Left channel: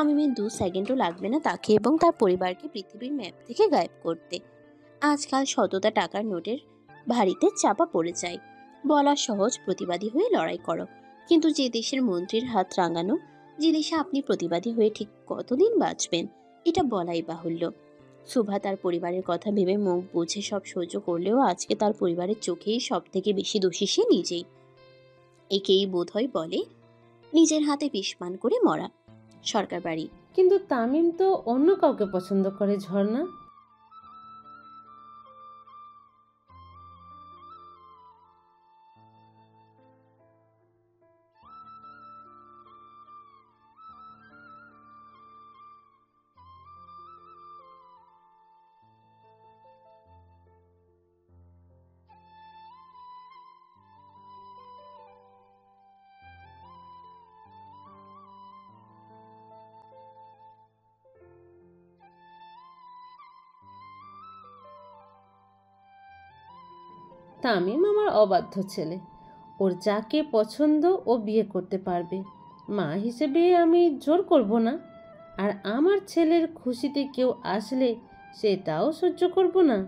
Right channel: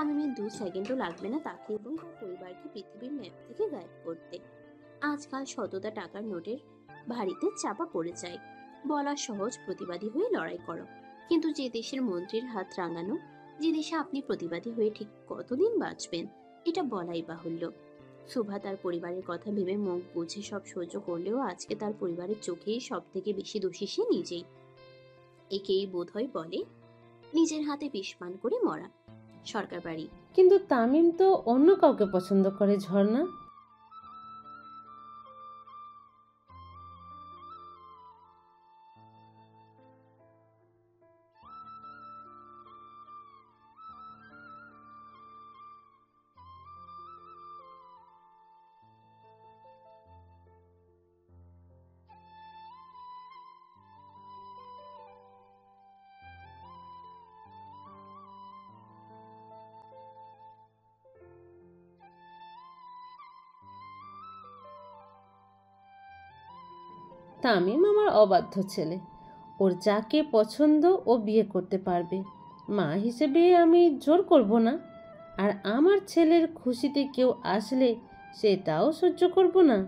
তামিমের 2 সেকেন্ডও লাগবে না তাকে এবং তার পরিবারকে পৃথিবীর ম্যাপ থেকে গায়েব করতে। আজকাল শতটা টাকার নোটের ভারীতে চাপা পড়ে যায়। বলা সহজ, প্রতিবাদী হয়ে লড়াই করো, কিন্তু যে দেশের মন্ত্রীর হাত রাঙানো, যে দেশে আপনি প্রতিবাদী হয়ে ঠিক কতদিন বাঁচবেন এটা বলাই বাহুল্য। সুভা তার পরিবারের কথা ভেবে মুখ বুঝে সব সহ্য করলেও আজকে তার পরিবারের চোখেই সব থেকে বেশি দোষী সে নিজেই। একেই বোধহয় বলে নিজের হাতে বিষ পান করে মরা। সরকার বাড়ি। কিন্তু তামিম তো অন্য কাউকে পছন্দ করে ঝর্ণা। তামিম আমার অবাধ্য ছেলে, ওর যাকে পছন্দ ও বিয়ে করতে পারবে। মা হিসেবে আমি জোর করব না, আর আমার ছেলের খুশিতে কেউ আসলে সেটাও সহ্য করব না।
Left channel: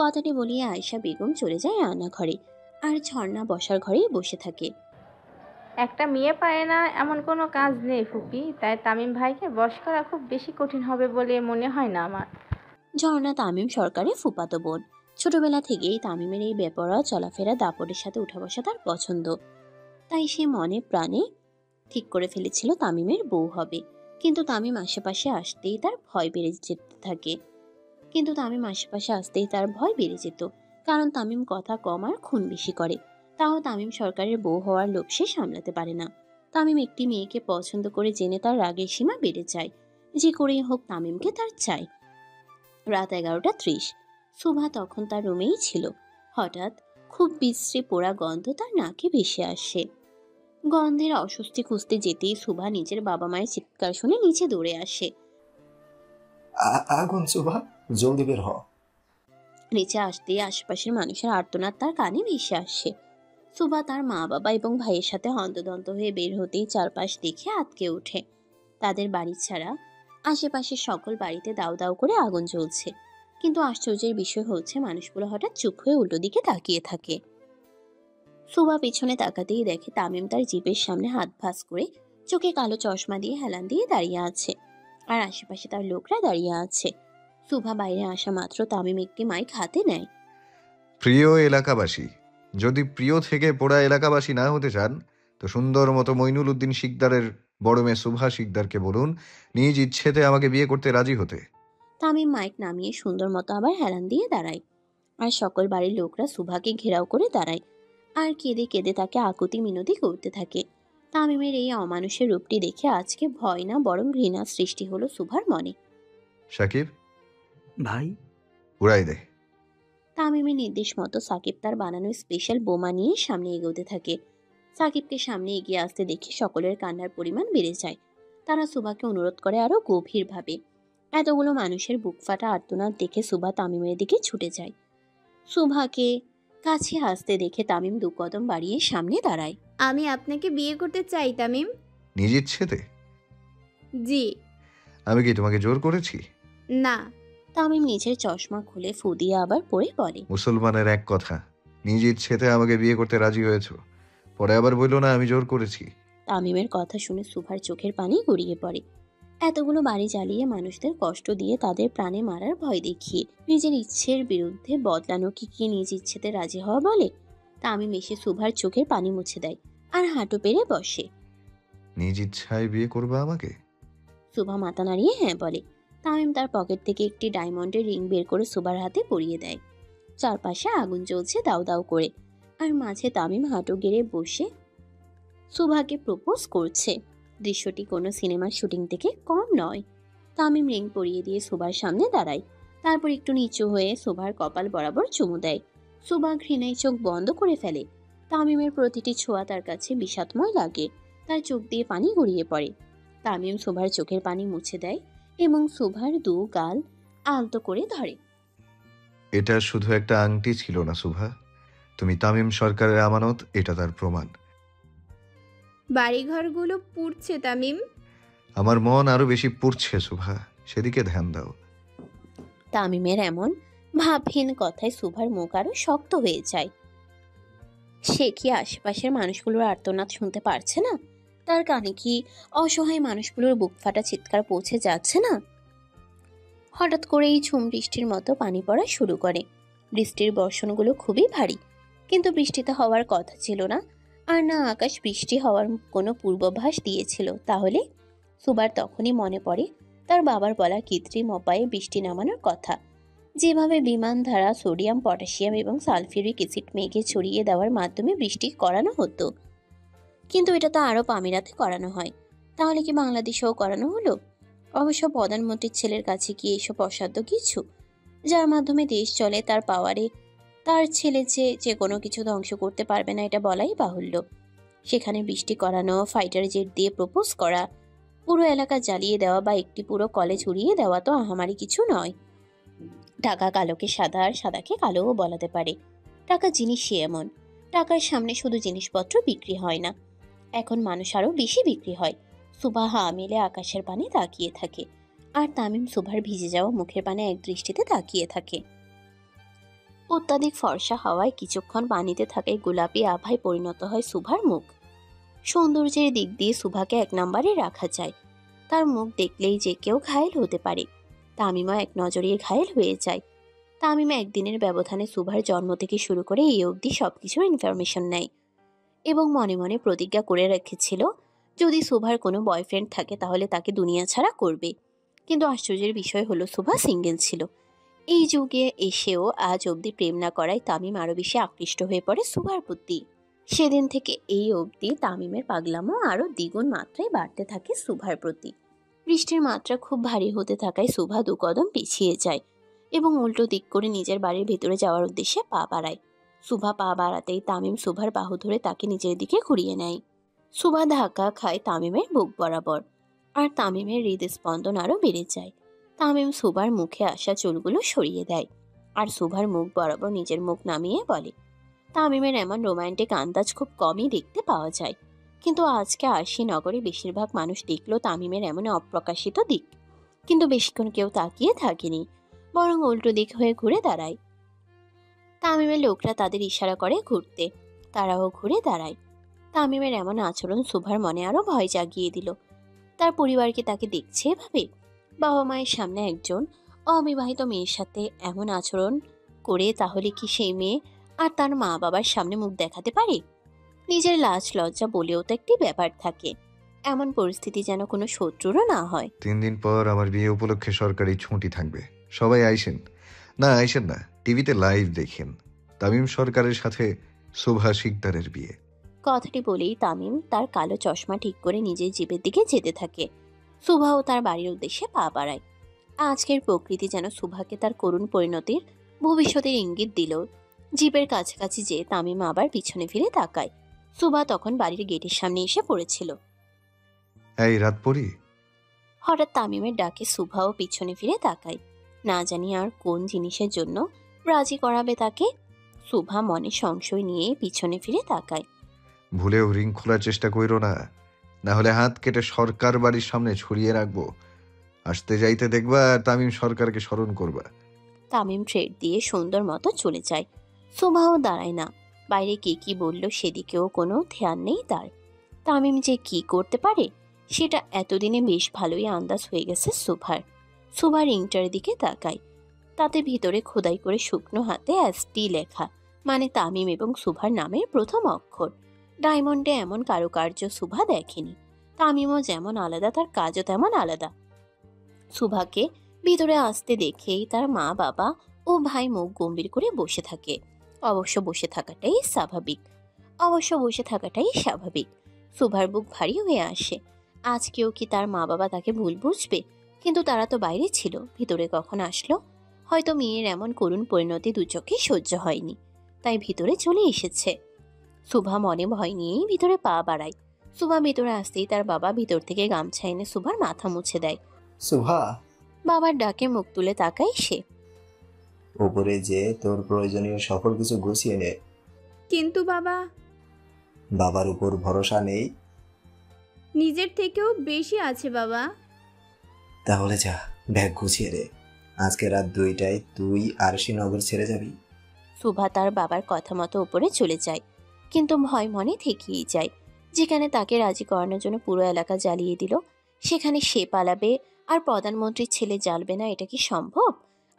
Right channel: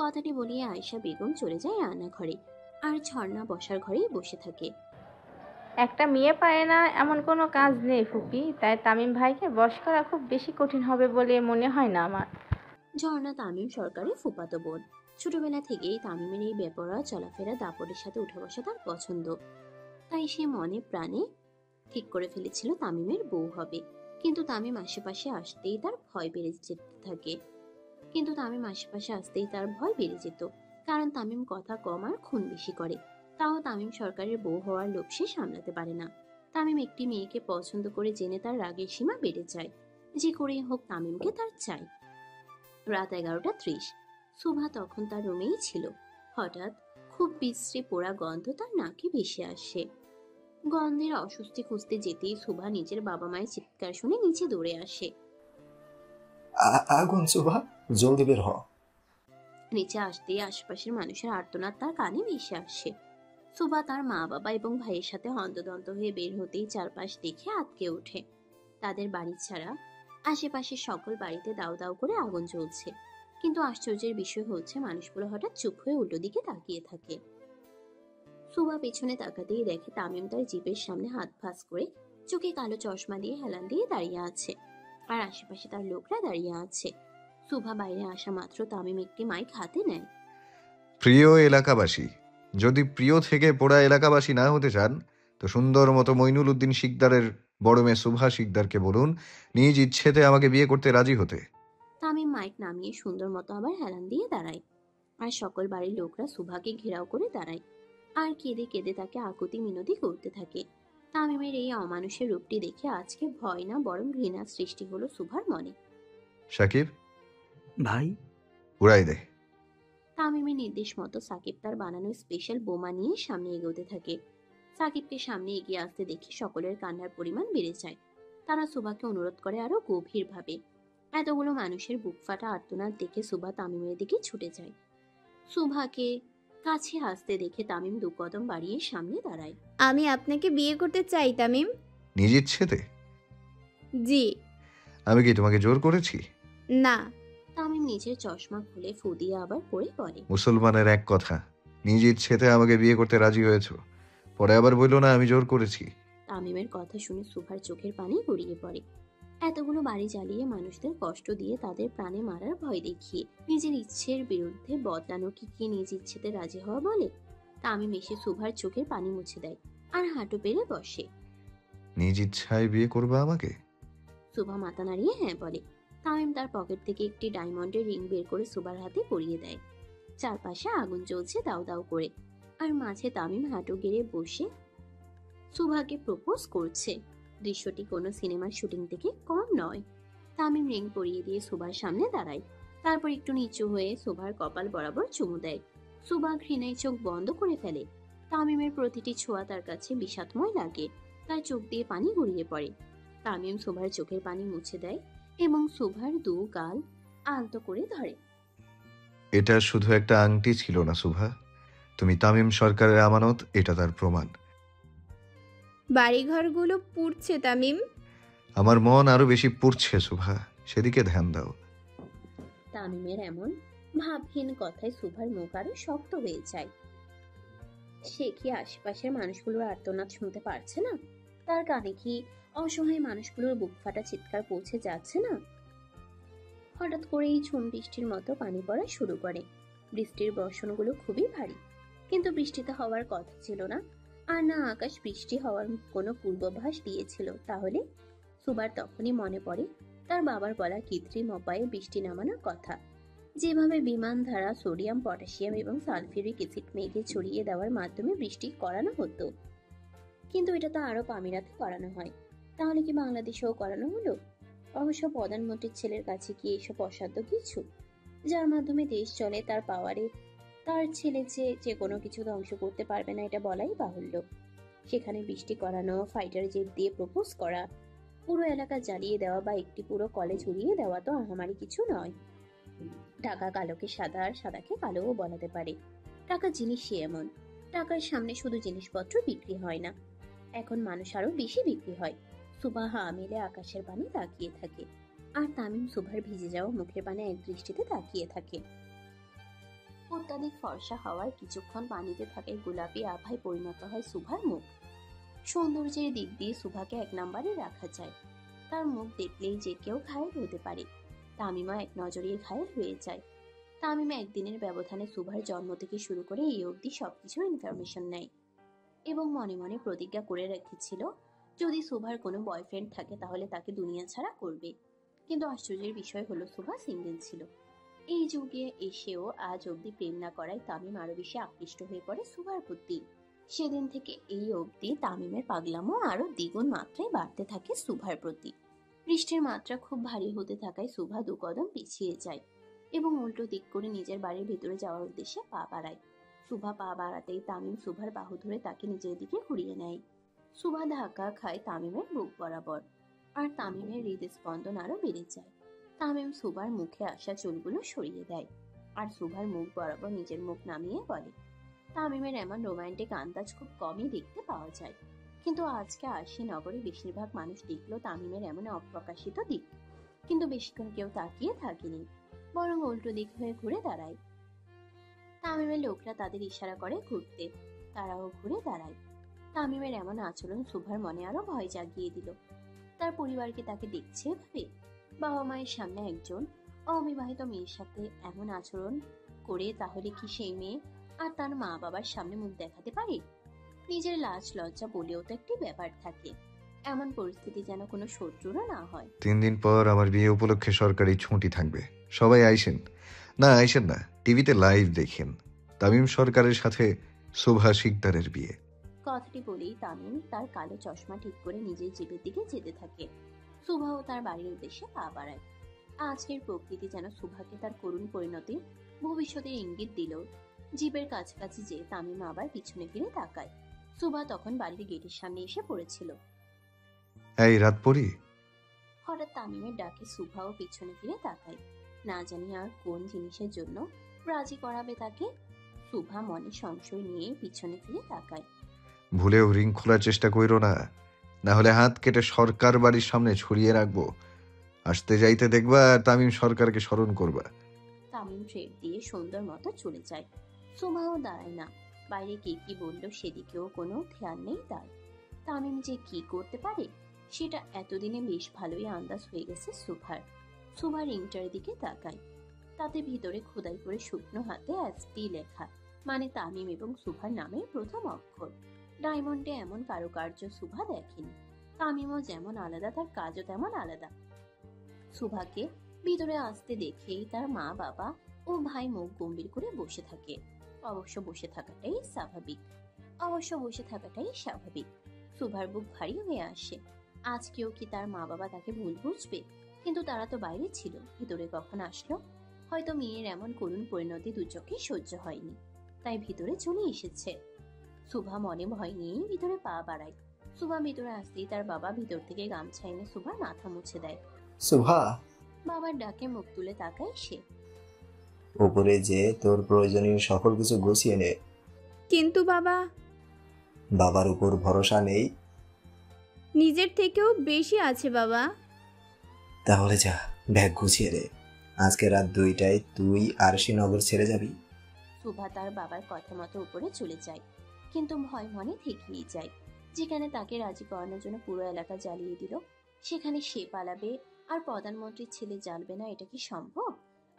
কথাটি বলিয়ে আয়েশা বেগম চলে যায় রান্নাঘরে, আর ঝর্ণা বসার ঘরেই বসে থাকে। একটা মেয়ে পারে না এমন কোনো কাজ নেই ফুপি, তাই তামিম ভাইকে বশ করা খুব বেশি কঠিন হবে বলে মনে হয় না আমার। ঝর্ণা তামিম সরকারের ফুফাতো বোন। ছোটবেলা থেকেই তামিমের এই বেপরোয়া চলাফেরা, দাপটের সাথে উঠা বসা তার পছন্দ। তাই সে মনে প্রাণে ঠিক করে ফেলেছিল তামিমের বউ হবে। কিন্তু তামিম আশেপাশে আসতেই তার ভয় বেড়ে যেতে থাকে। কারণ তামিম কথা কম আর খুন বেশি করে। তাও তামিম সরকারের বউ হওয়ার লোভ সে সামলাতে পারে না। তামিম একটি মেয়েকে পছন্দ করে জেনে তার রাগের সীমা বেড়ে যায়। যে করেই হোক তামিমকে তার চাই। রাত 11:30। সুভা তখন তার রুমেই ছিল। হঠাৎ খুব বিশ্রী পোড়া গন্ধ তার নাকে ভেসে আসে। গন্ধের অস্বস্তি খুঁজতে যেতেই সুভা নিজের বাবা মায়ের চিৎকার শুনে নিচে দৌড়ে আসে। আগুন সুভা, জলদি বের হ। নিচে আসতেই আশেপাশের মানুষের আর্তনাদ তার কানে ভেসে আসে। সুভা তার মা বাবা এবং ভাইয়ের সাথে হন্তদন্ত হয়ে বের হতেই চারপাশ দেখে আঁতকে ওঠে। তাদের বাড়ি ছাড়া আশেপাশের সকল বাড়িতে দাউ দাউ করে আগুন জ্বলছে। কিন্তু আশ্চর্যের বিষয় হচ্ছে মানুষগুলো হঠাৎ চুপ হয়ে উল্টো দিকে তাকিয়ে থাকে। সুভা পিছনে তাকাতেই দেখে তামিম তার জিপের সামনে হাত ভাঁজ করে, চোখে কালো চশমা দিয়ে হেলান দিয়ে দাঁড়িয়ে আছে, আর আশেপাশে তার লোকরা দাঁড়িয়ে আছে। সুভা বাইরে আসা মাত্র তামিম একটি মাইক হাতে নেয়। প্রিয় এলাকাবাসী, যদি প্রিয় থেকে পোড়া এলাকাবাসী না হতে চান তো সুন্দর মতো মইনুল উদ্দিন শিকদারের বড় মেয়ে সুভা শিকদারকে বলুন নিজ ইচ্ছেতে আমাকে বিয়ে করতে রাজি হতে। তামিম মাইক নামিয়ে সুন্দর মতো আবার হেলান দিয়ে দাঁড়ায়, আর সকল বাড়ির লোকরা সুভাকে ঘেরাও করে দাঁড়ায় আর কেঁদে কেঁদে তাকে আকুতি মিনতি করতে থাকে। তামিমের এই অমানুষের রূপটি দেখে আজকে ভয় না বরং ঘৃণা সৃষ্টি হলো সুভার মনে। সাকিব ভাই, উড়াই দে। তামিমের নির্দেশ মতো সাকিব তার বানানো স্পেশাল বোমা নিয়ে সামনে এগোতে থাকে। সাকিবকে সামনে এগিয়ে আসতে দেখে সকলের কান্নার পরিমাণ বেড়ে যায়। তারা সুভাকে অনুরোধ করে আরো গভীরভাবে। এতগুলো মানুষের বুক ফাটা আর্তনাদ দেখে সুভা তামিমের দিকে ছুটে যায়। সুভাকে কাছে আসতে দেখে তামিম 2 কদম বাড়িয়ে সামনে দাঁড়ায়। আমি আপনাকে বিয়ে করতে চাই তামিম। নিজ ইচ্ছেতে? জি। আমি কি তোমাকে জোর করেছি? না। তামিম নিজের চশমা খুলে ফু দিয়ে আবার পরে বলে, মুসলমানের এক কথা, নিজ ইচ্ছেতে আমাকে বিয়ে করতে রাজি হয়েছো, পরে আবার বললো না আমি জোর করেছি। তামিমের কথা শুনে সুভার চোখের পানি গড়িয়ে পড়ে। এতগুলো বাড়ি জ্বালিয়ে মানুষদের কষ্ট দিয়ে তাদের প্রাণে মারার ভয় দেখিয়ে নিজের ইচ্ছের বিরুদ্ধে বদলানো কি নিজ ইচ্ছেতে রাজি হওয়া বলে? তামিম এসে সুভার চোখের পানি মুছে দেয় আর হাঁটু পেরে বসে। নিজ ইচ্ছায় বিয়ে করবে আমাকে? সুভা মাথা নাড়িয়ে হ্যাঁ বলে। তামিম তার পকেট থেকে একটি ডায়মন্ডের রিং বের করে সুভার হাতে পরিয়ে দেয়। চারপাশে আগুন জ্বলছে দাউ দাউ করে, আর মাঝে তামিম হাঁটু গেড়ে বসে সুভাকে প্রপোজ করছে। দৃশ্যটি কোনো সিনেমার শুটিং থেকে কম নয়। তামিম রিং পরিয়ে দিয়ে সুভার সামনে দাঁড়ায়, তারপর একটু নিচু হয়ে সুভার কপাল বরাবর চুমু দেয়। সুভা ঘৃণায় চোখ বন্ধ করে ফেলে। তামিমের প্রতিটি ছোঁয়া তার কাছে বিষাদময় লাগে। তার চোখ দিয়ে পানি গড়িয়ে পড়ে। তামিম সুভার চোখের পানি মুছে দেয় এবং সুভার 2 গাল আলতো করে ধরে। এটা শুধু একটা আংটি ছিল না সুভা, তুমি তামিম সরকারের আমানত, এটা তার প্রমাণ। বাড়িঘরগুলো পুড়ছে তামিম। আমার মন আরো বেশি পুড়ছে সুভা, সেদিকে ধ্যান দাও। তামিমের এমন ভাবহীন কথায় সুভার মুখ আরো শক্ত হয়ে যায়। সে কি আশেপাশের মানুষগুলোর আর্তনাদ শুনতে পারছে না? তার কানে কি অসহায় মানুষগুলোর বুক ফাটা চিৎকার পৌঁছে যাচ্ছে না? হঠাৎ করেই ঝুম বৃষ্টির মতো পানি পড়া শুরু করে। বৃষ্টির বর্ষণগুলো খুবই ভারী, কিন্তু বৃষ্টিতে হওয়ার কথা ছিল না। আর না আকাশ বৃষ্টি হওয়ার কোনো পূর্বাভাস দিয়েছিল। তাহলে সুবার তখনই মনে পড়ে তার বাবার বলা কৃত্রিম উপায়ে বৃষ্টি নামানোর কথা, যেভাবে বিমান ধারা সোডিয়াম, পটাশিয়াম এবং সালফিউরিক অ্যাসিড মেঘে ছড়িয়ে দেওয়ার মাধ্যমে বৃষ্টি করানো হতো। কিন্তু এটা তো আরব আমিরাতে করানো হয়, তাহলে কি বাংলাদেশেও করানো হলো? অবশ্য প্রধানমন্ত্রীর ছেলের কাছে কি এসব অসাধ্য কিছু, যার মাধ্যমে দেশ চলে তার পাওয়ারে? তার ছেলে যে কোনো কিছু ধ্বংস করতে পারবে না এটা বলাই বাহুল্য। সেখানে বৃষ্টি করানো, ফাইটার জেট দিয়ে প্রপোজ করা, পুরো এলাকা জ্বালিয়ে দেওয়া বা একটি পুরো কলেজ উড়িয়ে দেওয়া তো আহামারি কিছু নয়। টাকা কালোকে সাদা আর সাদাকে কালোও বলাতে পারে। টাকা জিনিসই এমন, টাকার সামনে শুধু জিনিসপত্র বিক্রি হয় না, এখন মানুষ আরো বেশি বিক্রি হয়। সুভা হা মেলে আকাশের পানে তাকিয়ে থাকে, আর তামিম সুভার ভিজে যাওয়া মুখের পানে এক দৃষ্টিতে তাকিয়ে থাকে। অত্যাধিক ফর্সা হাওয়ায় কিছুক্ষণ পানিতে থাকায় গোলাপি আভায় পরিণত হয় সুভার মুখ। সৌন্দর্যের দিক দিয়ে সুভাকে এক নম্বরে রাখা যায়। তার মুখ দেখলেই যে কেউ ঘায়েল হতে পারে। তামিমা এক নজরে ঘায়েল হয়ে যায়। তামিমা একদিনের ব্যবধানে সুভার জন্ম থেকে শুরু করে এই অবধি সবকিছুর ইনফরমেশন নেয় এবং মনে মনে প্রতিজ্ঞা করে রেখেছিল যদি সুভার কোনো বয়ফ্রেন্ড থাকে তাহলে তাকে দুনিয়া ছাড়া করবে। কিন্তু আশ্চর্যের বিষয় হলো সুভা সিঙ্গেল ছিল। এই যুগে এসেও আজ অবধি প্রেম না করায় তামিম আরো বেশি আকৃষ্ট হয়ে পড়ে সুভার প্রতি। সেদিন থেকে এই অবধি তামিমের পাগলামো আরো দ্বিগুণ মাত্রায় বাড়তে থাকে সুভার প্রতি। বৃষ্টির মাত্রা খুব ভারী হতে থাকায় সুভা দু কদম পিছিয়ে যায় এবং উল্টো দিক করে নিজের বাড়ির ভেতরে যাওয়ার উদ্দেশ্যে পা বাড়ায়। সুভা পা বাড়াতেই তামিম সুভার বাহু ধরে তাকে নিজের দিকে ঘুরিয়ে নেয়। সুভা ধাক্কা খায় তামিমের বুক বরাবর, আর তামিমের হৃদস্পন্দন আরো বেড়ে যায়। তামিম সুভার মুখে আসা চুলগুলো সরিয়ে দেয় আর সুভার মুখ বরাবর নিজের মুখ নামিয়ে বলে। তামিমের এমন রোমান্টিক আন্দাজ খুব কমই দেখতে পাওয়া যায়, কিন্তু আজকে আরশি নগরে বেশিরভাগ মানুষ দেখলো তামিমের এমন অপ্রকাশিত দিক। কিন্তু বেশিক্ষণ কেউ তাকিয়ে থাকেনি, বরং উল্টো দিক হয়ে ঘুরে দাঁড়ায়। তামিমের লোকরা তাদের ইশারা করে ঘুরতে, তারাও ঘুরে দাঁড়ায়। তামিমের এমন আচরণ সুভার মনে আরো ভয় জাগিয়ে দিল। তার পরিবারকে তাকে দেখছে এভাবে? বাবা মায়ের সামনে একজন অবিবাহিত মেয়ের সাথে এমন আচরণ করে তাহলে কি সেই মেয়ে আর তার মা বাবার সামনে মুখ দেখাতে পারে? নিজের লাজ লজ্জা বলেও তো একটি ব্যাপার থাকে। এমন পরিস্থিতি যেন কোনো শত্রুরও না হয়। 3 দিন পর আমার বিয়ে উপলক্ষে সরকারি ছুটি থাকবে, সবাই আইসেন। না আইসেন না, টিভিতে লাইভ দেখেন তামিম সরকারের সাথে সুভা শিকদারের বিয়ে। কথাটি বলেই তামিম তার কালো চশমা ঠিক করে নিজের জিপের দিকে যেতে থাকে। সুভাও তার বাড়ির উদ্দেশ্যে পা বাড়ায়। আজকের প্রকৃতি যেন সুভাকে তার করুণ পরিণতির ভবিষ্যতের ইঙ্গিত দিল। জিপের কাছাকাছি যে তামিম আবার পিছনে ফিরে তাকায়। সুভা তখন বাড়ির গেটের সামনে এসে পড়েছিল। এই রাত পড়ি। হঠাৎ তামিমের ডাকে সুভাও পিছনে ফিরে তাকায়, না জানি আর কোন জিনিসের জন্য রাজি করাবে তাকে। সুভা মনে সংশয় নিয়ে পিছনে ফিরে তাকায়। ভুলেও রিং খোলার চেষ্টা কইরো না, না হলে হাত কেটে সরকার বাড়ির সামনে ছড়িয়ে রাখবো। আসতে যাইতে দেখবা আর তামিম সরকারকে স্মরণ করবা। তামিম ট্রেড দিয়ে সুন্দর মতো চলে যায়। সুভাও দাঁড়ায় না। বাইরে কে কি বলল সেদিকেও কোনো ধ্যান নেই তার। তামিম যে কি করতে পারে সেটা এতদিনে বেশ ভালোই আন্দাজ হয়ে গেছে সুভার। সুভা রিংটার দিকে তাকায়, তাতে ভিতরে খোদাই করে শুকনো হাতে এসপি লেখা, মানে তামিম এবং সুভার নামের প্রথম অক্ষর। ডায়মন্ডে এমন কারুকার্য সুভা দেখেনি। তামিমও যেমন আলাদা তার কাজও তেমন আলাদা। সুভাকে ভিতরে আসতে দেখেই তার মা বাবা ও ভাই মুখ গম্ভীর করে বসে থাকে। অবশ্য বসে থাকাটাই স্বাভাবিক। সুভার বুক ভারী হয়ে আসে। আজকেও কি তার মা বাবা তাকে ভুল বুঝবে? কিন্তু তারা তো বাইরে ছিল, ভিতরে কখন আসলো? হয়তো মেয়ের এমন করুণ পরিণতি দু চোখে সহ্য হয়নি, তাই ভিতরে চলে এসেছে। সুভা মনে ভয় নিয়েই ভিতরে পা বাড়ায়। সুভা ভিতরে আসতেই তার বাবা ভিতর থেকে গামছা এনে সুভার মাথা মুছে দেয়। সুভা, বাবার ডাকে মুখ তুলে তাকায় সে। উপরে যে তোর প্রয়োজনীয় সকল কিছু গুছিয়ে নে। কিন্তু বাবা, বাবার উপর ভরসা নেই। নিজের থেকেও বেশি আছে বাবা। তাহলে যা, ব্যাগ গুছিয়ে রে। আজকে রাত 2টায় তুই আরশিনগর ছেড়ে যাবি। সুভা তার বাবার কথা মতো উপরে চলে যায়, কিন্তু ভয় মনে থেকেই যায়। যেখানে তাকে রাজি করানোর জন্য পুরো এলাকা জ্বালিয়ে দিল, সেখানে সে পালাবে আর প্রধানমন্ত্রীর ছেলে জ্বালবে না, এটা কি সম্ভব?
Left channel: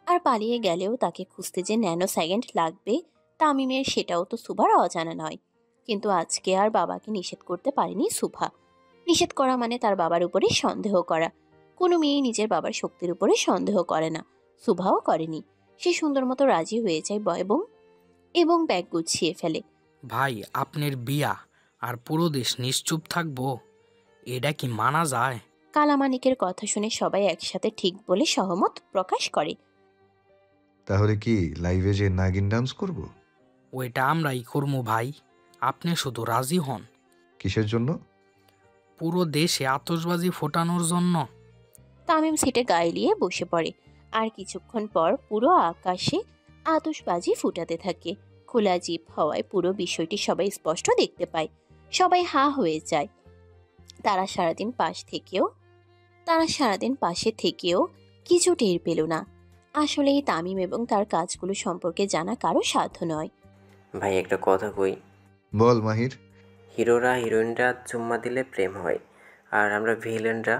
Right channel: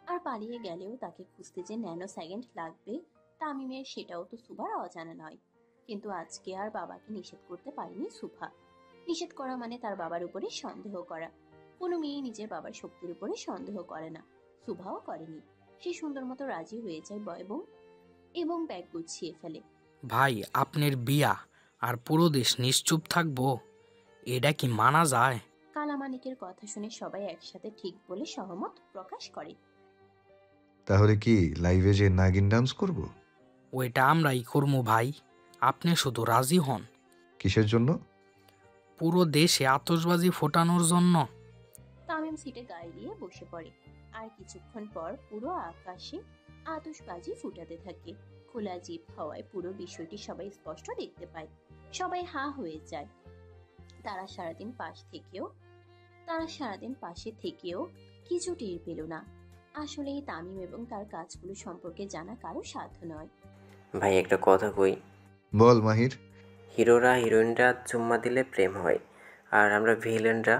আর পালিয়ে গেলেও তাকে খুঁজতে যে ন্যানো সেকেন্ড লাগবে তামিমের, সেটাও তো সুভার অজানা নয়। কিন্তু আজকে আর বাবাকে নিষেধ করতে পারেনি সুভা। নিষেধ করা মানে তার বাবার উপরে সন্দেহ করা। কোনো মেয়ে নিজের বাবার শক্তির উপরে সন্দেহ করে না, সুভাও করেনি। সে সুন্দর মতো রাজি হয়ে যায় এবং ব্যাগ গুছিয়ে ফেলে। ভাই, আপনার বিয়া আর পুরো দেশ নিশ্চুপ থাকবো? এটা কি মানা যায়? কালামানিকের কথা শুনে সবাই একসাথে ঠিক বলে সহমত প্রকাশ করে। তাহলে কি লাইভে যে নাগিন ডান্স করব? ওইটা আমরাই করবো ভাই, আপনি শুধু রাজি হন। কিসের জন্য? পুরো দেশে আতশবাজি ফোটানোর জন্য। তামিম সিটে গায়ে নিয়ে বসে পড়ে, আর কিছুক্ষণ পর পুরো আকাশে আতশবাজি ফুটাতে থাকে। খোলা জিপ হওয়ায় পুরো বিষয়টি সবাই স্পষ্ট দেখতে পায়। সবাই হাঁ হয়ে যায়। তারা সারাদিন পাশে থেকেও কিছু টের পেল না। আসলে এই তামিম এবং তার কাজগুলো সম্পর্কে জানা কারো সাধ্য নয়। ভাই একটা কথা কই। বল মাহির। হিরোরা হিরোইনরা চুম্মা দিলে প্রেম হয়, আর আমরা ভিলেনরা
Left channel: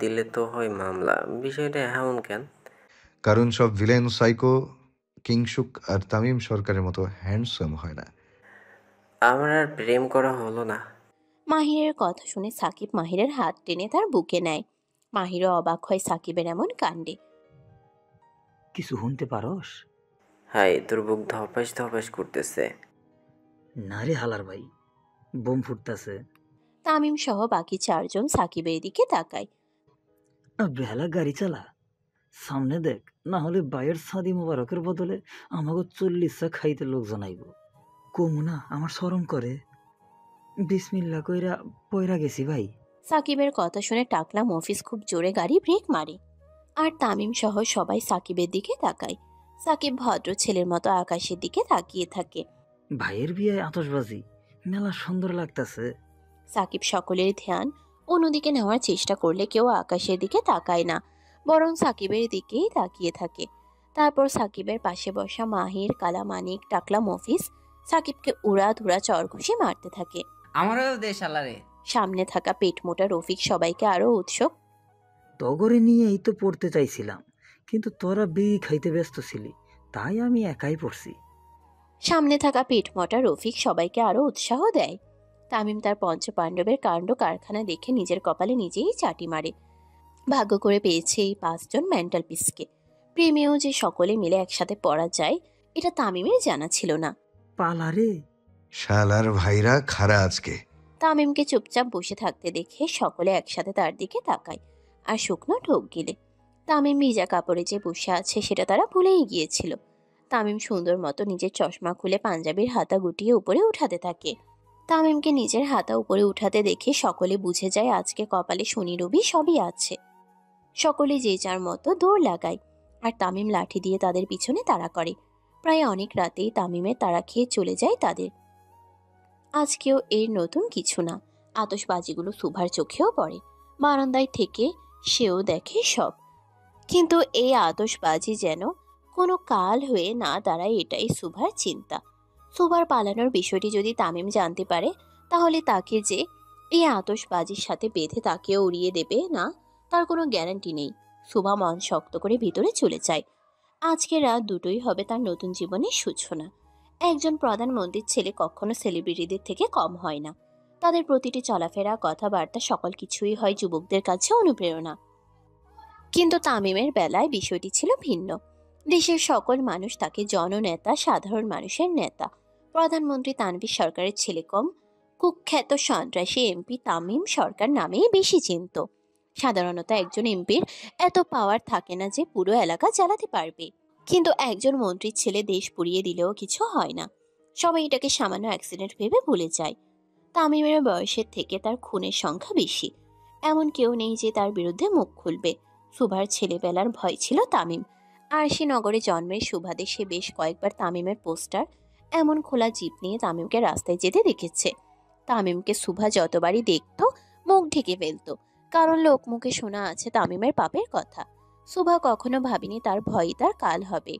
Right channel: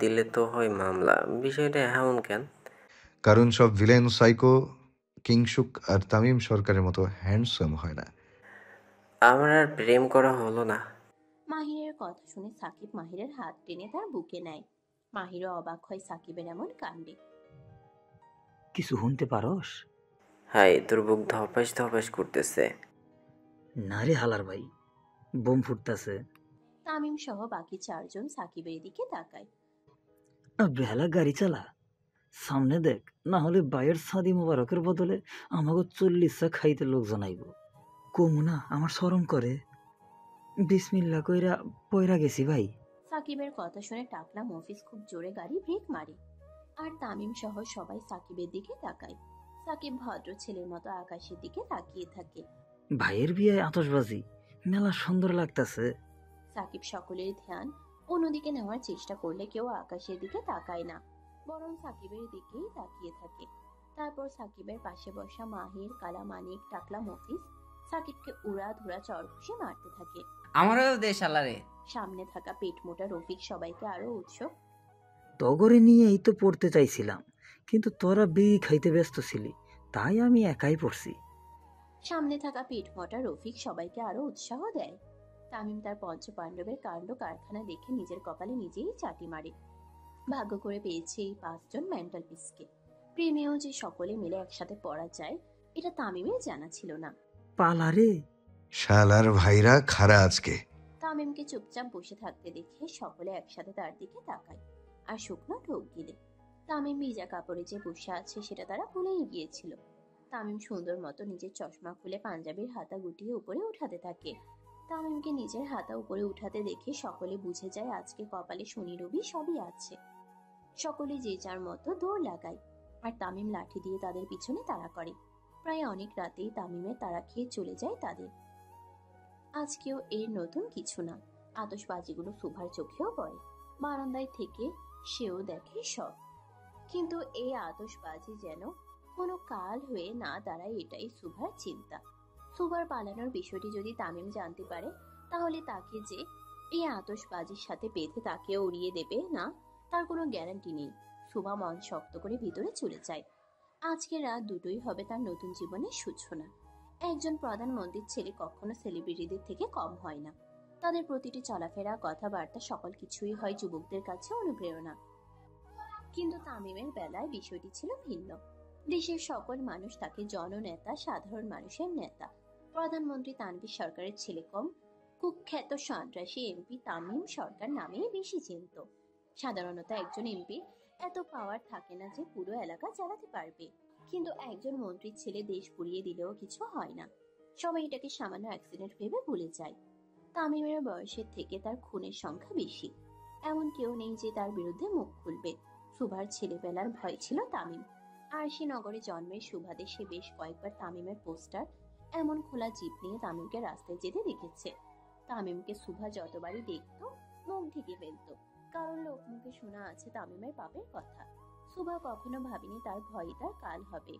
দিলে তো হয় মামলা। বিষয়টা এমন কেন? কারণ সব ভিলেন সাইকো, কিংসুক আর তামিম সরকারের মতো হ্যান্ডসাম হয় না। আমার আর প্রেম করা হলো না। মাহিরের কথা শুনে সাকিব মাহিরের হাত টেনে তার বুকে নেয়। মাহিরও অবাক হয় সাকিবের এমন কাণ্ডে। কিছু শুনতে পারস? হাই, তোর বুক ধপাস ধপাস করতেছে। না রে হালার ভাই, বোম ফুটতেছে। তামিম সহ বাকি 4জন সাকিবের দিকে তাকায়। বেলা গাড়ি চালা, সামনে দেখ, না হলে বাইয়ের সাদি মোবারকের বদলে আমাকে 40 খাইতে লোকজন আইব। কমু না, আমার শরম করে। বিসমিল্লা কইরা পয়রা গেছি ভাই। সাকিবের কথা শুনে টাকলা মফিজ খুব জোরে গাড়ি ব্রেক মারে, আর তামিম সহ সবাই সাকিবের দিকে তাকায়। সাকিব ভদ্র ছেলের মতো আকাশের দিকে তাকিয়ে থাকে। ভাইয়ের বিয়ে আতশবাজি, মেলা সুন্দর লাগতাছে। সাকিব সকলের ধ্যান অন্যদিকে নেওয়ার চেষ্টা করলে কেউ আকাশের দিকে তাকায় না, বরং সাকিবের দিকেই তাকিয়ে থাকে। তারপর সাকিবের পাশে বসা মাহির, কালামানিক, টাকলা মফিজ সাকিবকে উড়া ধুরা চরঘুষি মারতে থাকে। আমারও দেশ আলারে। সামনে থাকা পেট মোটা রফিক সবাইকে আরো উৎসুক। তগরে নিয়েই তো পড়তে চাইছিলাম, কিন্তু তোরা বিড়ি খাইতে ব্যস্ত ছিলি, তাই আমি একাই পড়ছি। সামনে থাকা পেট মোটা রফিক সবাইকে আরো উৎসাহ দেয়। তামিম তার পঞ্চপাণ্ডবের কাণ্ড কারখানা দেখে নিজের কপালে নিজেই চাটি মারে। ভাগ্য করে পেয়েছে এই 5জন মেন্টাল পিসকে। প্রেমেও যে সকলে মিলে একসাথে পড়া যায়, এটা তামিমের জানা ছিল না। পালারে শালার ভাইরা খারা আজকে। তামিমকে চুপচাপ বসে থাকতে দেখে সকলে একসাথে তার দিকে তাকায় আর শুকনো ঢোক গিলে। তামিম ভিজা কাপড়ে যে বসে আছে সেটা তারা ভুলেই গিয়েছিল। তামিম সুন্দর মতো নিজের চশমা খুলে পাঞ্জাবির হাতা গুটিয়ে উপরে উঠাতে থাকে। তামিমকে নিজের হাতা উপরে উঠাতে দেখে সকলে বুঝে যায় আজকে কপালে শনি রবি সবই আছে। সকলে যে যার মতো দৌড় লাগায়, আর তামিম লাঠি দিয়ে তাদের পিছনে তাড়া করে। প্রায় অনেক রাতেই তামিমের তাড়া খেয়ে চলে যায় তাদের। আজকেও এর নতুন কিছু না। আতশবাজিগুলো সুভার চোখেও পড়ে। বারান্দায় থেকে সেও দেখে সব। কিন্তু এই আতশবাজি যেন কোনো কাল হয়ে না দাঁড়ায়, এটাই সুভার চিন্তা। সুভার পালানোর বিষয়টি যদি তামিম জানতে পারে, তাহলে তাকে যে এই আতশবাজির সাথে বেঁধে তাকেও উড়িয়ে দেবে না, তার কোনো গ্যারান্টি নেই। সুভা মন শক্ত করে ভিতরে চলে যায়। আজকে রাত 2টোই হবে তার নতুন জীবনের সূচনা। একজন প্রধানমন্ত্রীর ছেলে কখনো সেলিব্রিটিদের থেকে কম হয় না। তাদের প্রতিটি চলাফেরা, কথাবার্তা, সকল কিছুই হয় যুবকদের কাছে অনুপ্রেরণা। কিন্তু তামিমের বেলায় বিষয়টি ছিল ভিন্ন। দেশের সকল মানুষ তাকে জননেতা, সাধারণ মানুষের নেতা, প্রধানমন্ত্রী তানভীর সরকারের ছেলে কম কুখ্যাত সন্ত্রাসী এমপি তামিম সরকার নামেই বেশি চিনত। সাধারণত একজন এমপির এত পাওয়ার থাকে না যে পুরো এলাকা চালাতে পারবে। কিন্তু একজন মন্ত্রীর ছেলে দেশ পুড়িয়ে দিলেও কিছু হয় না। সবাই এটাকে সামান্য অ্যাক্সিডেন্ট ভেবে ভুলে যায়। তামিমের বয়সের থেকে তার খুনের সংখ্যা বেশি। এমন কেউ নেই যে তার বিরুদ্ধে মুখ খুলবে। সুভার ছেলেবেলার ভয় ছিল তামিম। আরশিনগরে জন্মের সুবাদে সে বেশ কয়েকবার তামিমের পোস্টার এমন খোলা জিপ নিয়ে তামিমকে রাস্তায় যেতে দেখেছে। তামিমকে সুভা যতবারই দেখত মুখ ঢেকে ফেলতো, কারণ লোক মুখে শোনা আছে তামিমের পাপের কথা। সুভা কখনো ভাবেনি তার ভয়ই তার কাল হবে।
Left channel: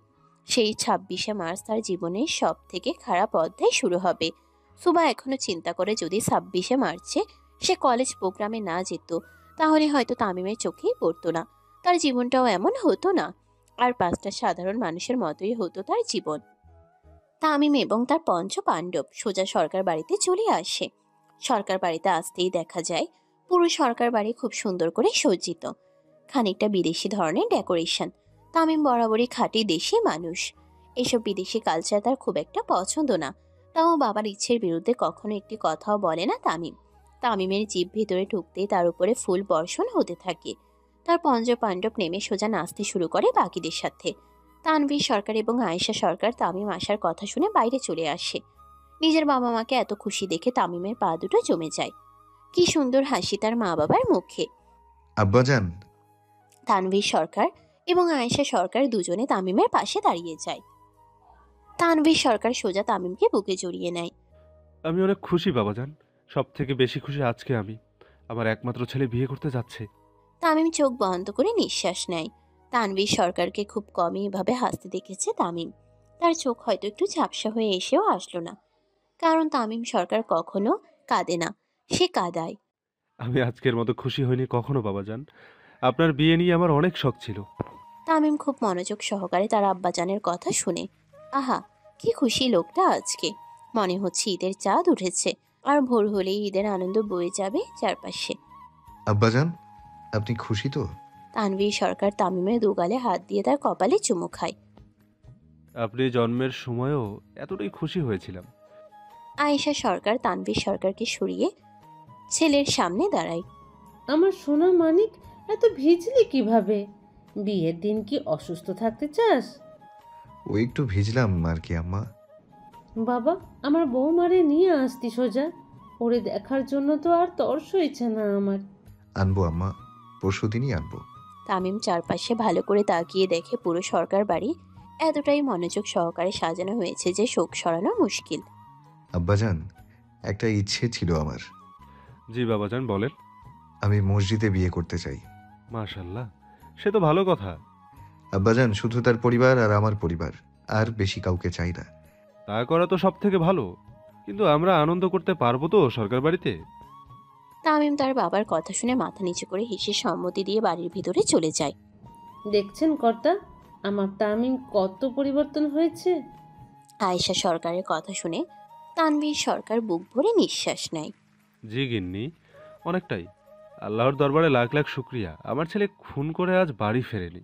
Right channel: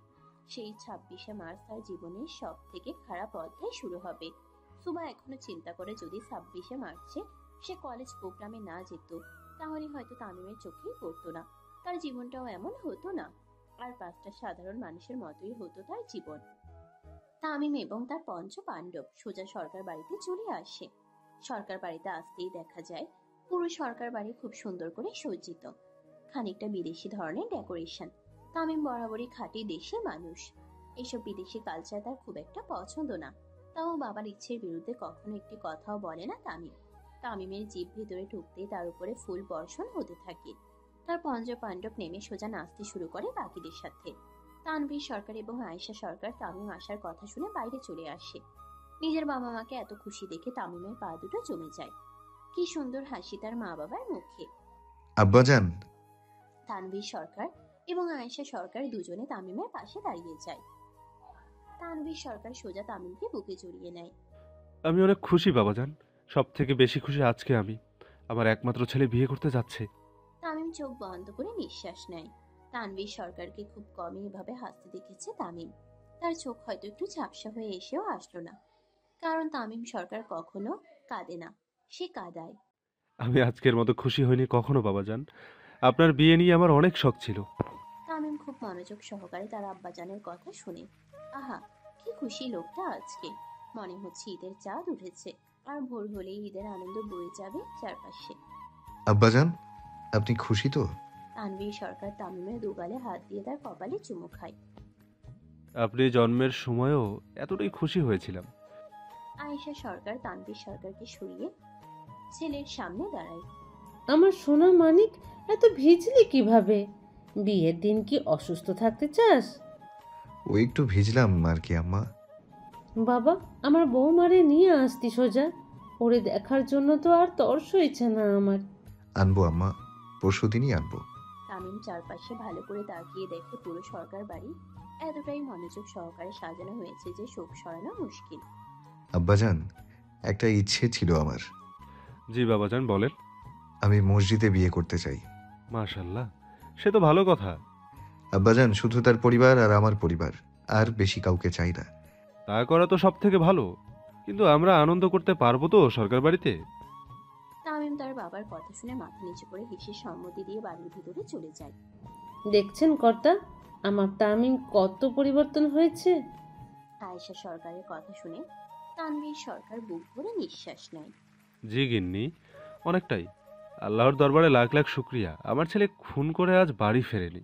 সেই 26শে মার্চ তার জীবনের সব থেকে খারাপ অধ্যায় শুরু হবে। সুভা এখনো চিন্তা করে যদি 26শে মার্চে সে কলেজ প্রোগ্রামে না যেত, তাহলে হয়তো তামিমের চোখেই পড়তো না, তার জীবনটাও এমন হতো না, আর 5টা সাধারণ মানুষের মতোই হতো তার জীবন। তামিম এবং তার পঞ্চ পাণ্ডব সোজা সরকার বাড়িতে চলে আসে। সরকার বাড়িতে আসতেই দেখা যায় পুরো সরকার বাড়ি খুব সুন্দর করে সজ্জিত, খানিকটা বিদেশি ধরনের ডেকোরেশন। তামিম বরাবরই খাঁটি দেশি মানুষ, এসব বিদেশি কালচার তার খুব একটা পছন্দ না, তাও বাবার ইচ্ছের বিরুদ্ধে কখনো একটি কথাও বলে না তামিম। তামিমের জিভ ভিতরে ঢুকতেই তার উপরে ফুল বর্ষণ হতে থাকে। তার পঞ্চ পাণ্ডব নেমে সোজা নাচতে শুরু করে বাকিদের সাথে। তানভীর সরকার এবং আয়েশা সরকার তামিম আসার কথা শুনে বাইরে চলে আসে। নিজের বাবা মাকে এত খুশি দেখে তামিমের পা দুটো জমে যায়। কি সুন্দর হাসি তার মা বাবার মুখে। আব্বাজান, তানভীর সরকার এবং আয়েশা সরকার দুজনে তামিমের পাশে দাঁড়িয়ে যায়। তানভীর সরকার সোজা তামিমকে বুকে জড়িয়ে নেয়। আমি অনেক খুশি বাবাজান, সব থেকে বেশি খুশি আজকে আমি। আমার একমাত্র ছেলে বিয়ে করতে যাচ্ছে। তামিম চোখ বন্ধ করে নিঃশ্বাস নেয়। তানভীর সরকারকে খুব কমই এভাবে হাসতে দেখেছে তামিম। তার চোখ হয়তো একটু ঝাপসা হয়ে এসেও আসলো না, কারণ তামিম সরকার কখনো কাঁদে না, সে কাঁদায়। আমি আজকের মতো খুশি হইনি কখনো বাবাজান। আপনার বিয়ে নিয়ে আমার অনেক শখ ছিল। তামিম খুব মনোযোগ সহকারে তার আব্বাজানের কথা শুনে। আহা, কি খুশি লোকটা আজকে, মনে হচ্ছে ঈদের চাঁদ উঠেছে, আর ভোর হলেই ঈদের আনন্দ বয়ে যাবে চারপাশে। আব্বাজান, আপনি খুশি তো? তানভীর সরকার তামিমের দুগালে হাত দিয়ে তার কপালে চুমু খায়। আপনি জন্মের সময়ও এতটাই খুশি হয়েছিলাম। আয়েশা সরকার তানভীর সরকারকে সরিয়ে ছেলের সামনে দাঁড়ায়। আমার সোনা মানিক, এত ভিজলি কিভাবে? বিয়ের দিন কি অসুস্থ থাকতে চাস? ও একটু ভিজলাম আর কি আম্মা। বাবা, আমার বৌমারে নিয়ে আসতি সোজা, ওরে দেখার জন্য তো আর তর্স হয়েছে না আমার। আনবো আম্মা, পরশুদিনই আনবো। তামিম চারপাশে ভালো করে তাকিয়ে দেখে পুরো সরকার বাড়ি এতটাই মনোযোগ সহকারে সাজানো হয়েছে যে শোক সরানো মুশকিল। আব্বাজান, একটা ইচ্ছে ছিল আমার। জি বাবাজান, বলেন। আমি মসজিদে বিয়ে করতে চাই। মাশাল্লাহ, সে তো ভালো কথা। আব্বাজান, শুধু তার পরিবার আর আমার পরিবার, আর বেশি কাউকে চাই না। তা করা তো সব থেকে ভালো, কিন্তু আমরা আনন্দ করতে পারবো তো সরকার বাড়িতে? তামিম তার বাবার কথা শুনে মাথা নিচু করে হেসে সম্মতি দিয়ে বাড়ির ভিতরে চলে যায়। দেখছেন কর্তা, আমার তামিম কত পরিবর্তন হয়েছে। আয়েশা সরকারের কথা শুনে তানভীর সরকার বুক ভরে নিঃশ্বাস নেয়। জি গিন্নি, অনেকটাই। আল্লাহর দরবারে লাখ লাখ শুক্রিয়া, আমার ছেলে খুন করে আজ বাড়ি ফেরেনি।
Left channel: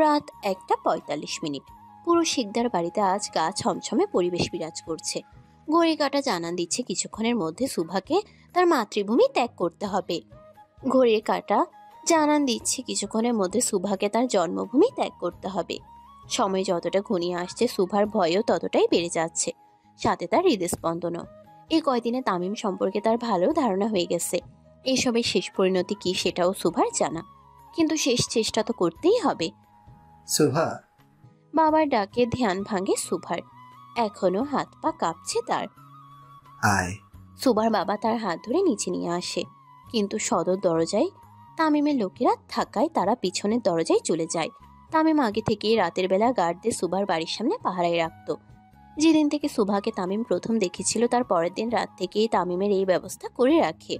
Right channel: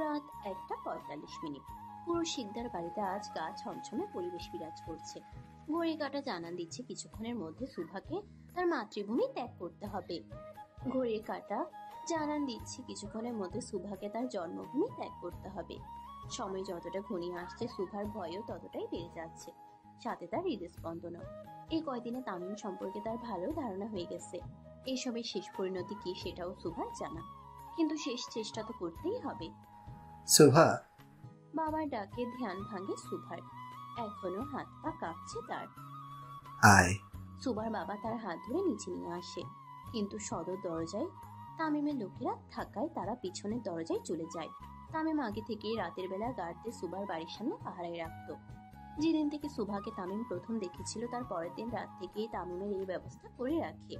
রাত 1:45। পুরো শিকদার বাড়িতে আজ গা ছমছমে পরিবেশ বিরাজ করছে। ঘড়ি কাঁটা জানান দিচ্ছে কিছুক্ষণের মধ্যে সুভাকে তার মাতৃভূমি ত্যাগ করতে হবে। ঘড়ির কাঁটা জানান দিচ্ছে কিছুক্ষণের মধ্যে সুভাকে তার জন্মভূমি ত্যাগ করতে হবে। সময় যতটা ঘনিয়ে আসছে সুভার ভয়ও ততটাই বেড়ে যাচ্ছে, সাথে তার হৃদস্পন্দনও। এই কয়দিনে তামিম সম্পর্কে তার ভালো ধারণা হয়ে গেছে। এসবের শেষ পরিণতি কি সেটাও সুভার জানা, কিন্তু শেষ চেষ্টা তো করতেই হবে। সুভা, বাবার ডাকে ধ্যান ভাঙে সুভার। এখনো হাত পা কাঁপছে তার। আয়। সুভার বাবা তার হাত ধরে নিচে নিয়ে আসে, কিন্তু সদর দরজায় তামিমের লোকেরা থাকায় তারা পিছনের দরজায় চলে যায়। তামিম আগে থেকেই রাতের বেলা গার্ডদের সুভার বাড়ির সামনে পাহারায় রাখত। যেদিন থেকে সুভাকে তামিম প্রথম দেখেছিল তার পরের দিন রাত থেকেই তামিমের এই ব্যবস্থা করে রাখে।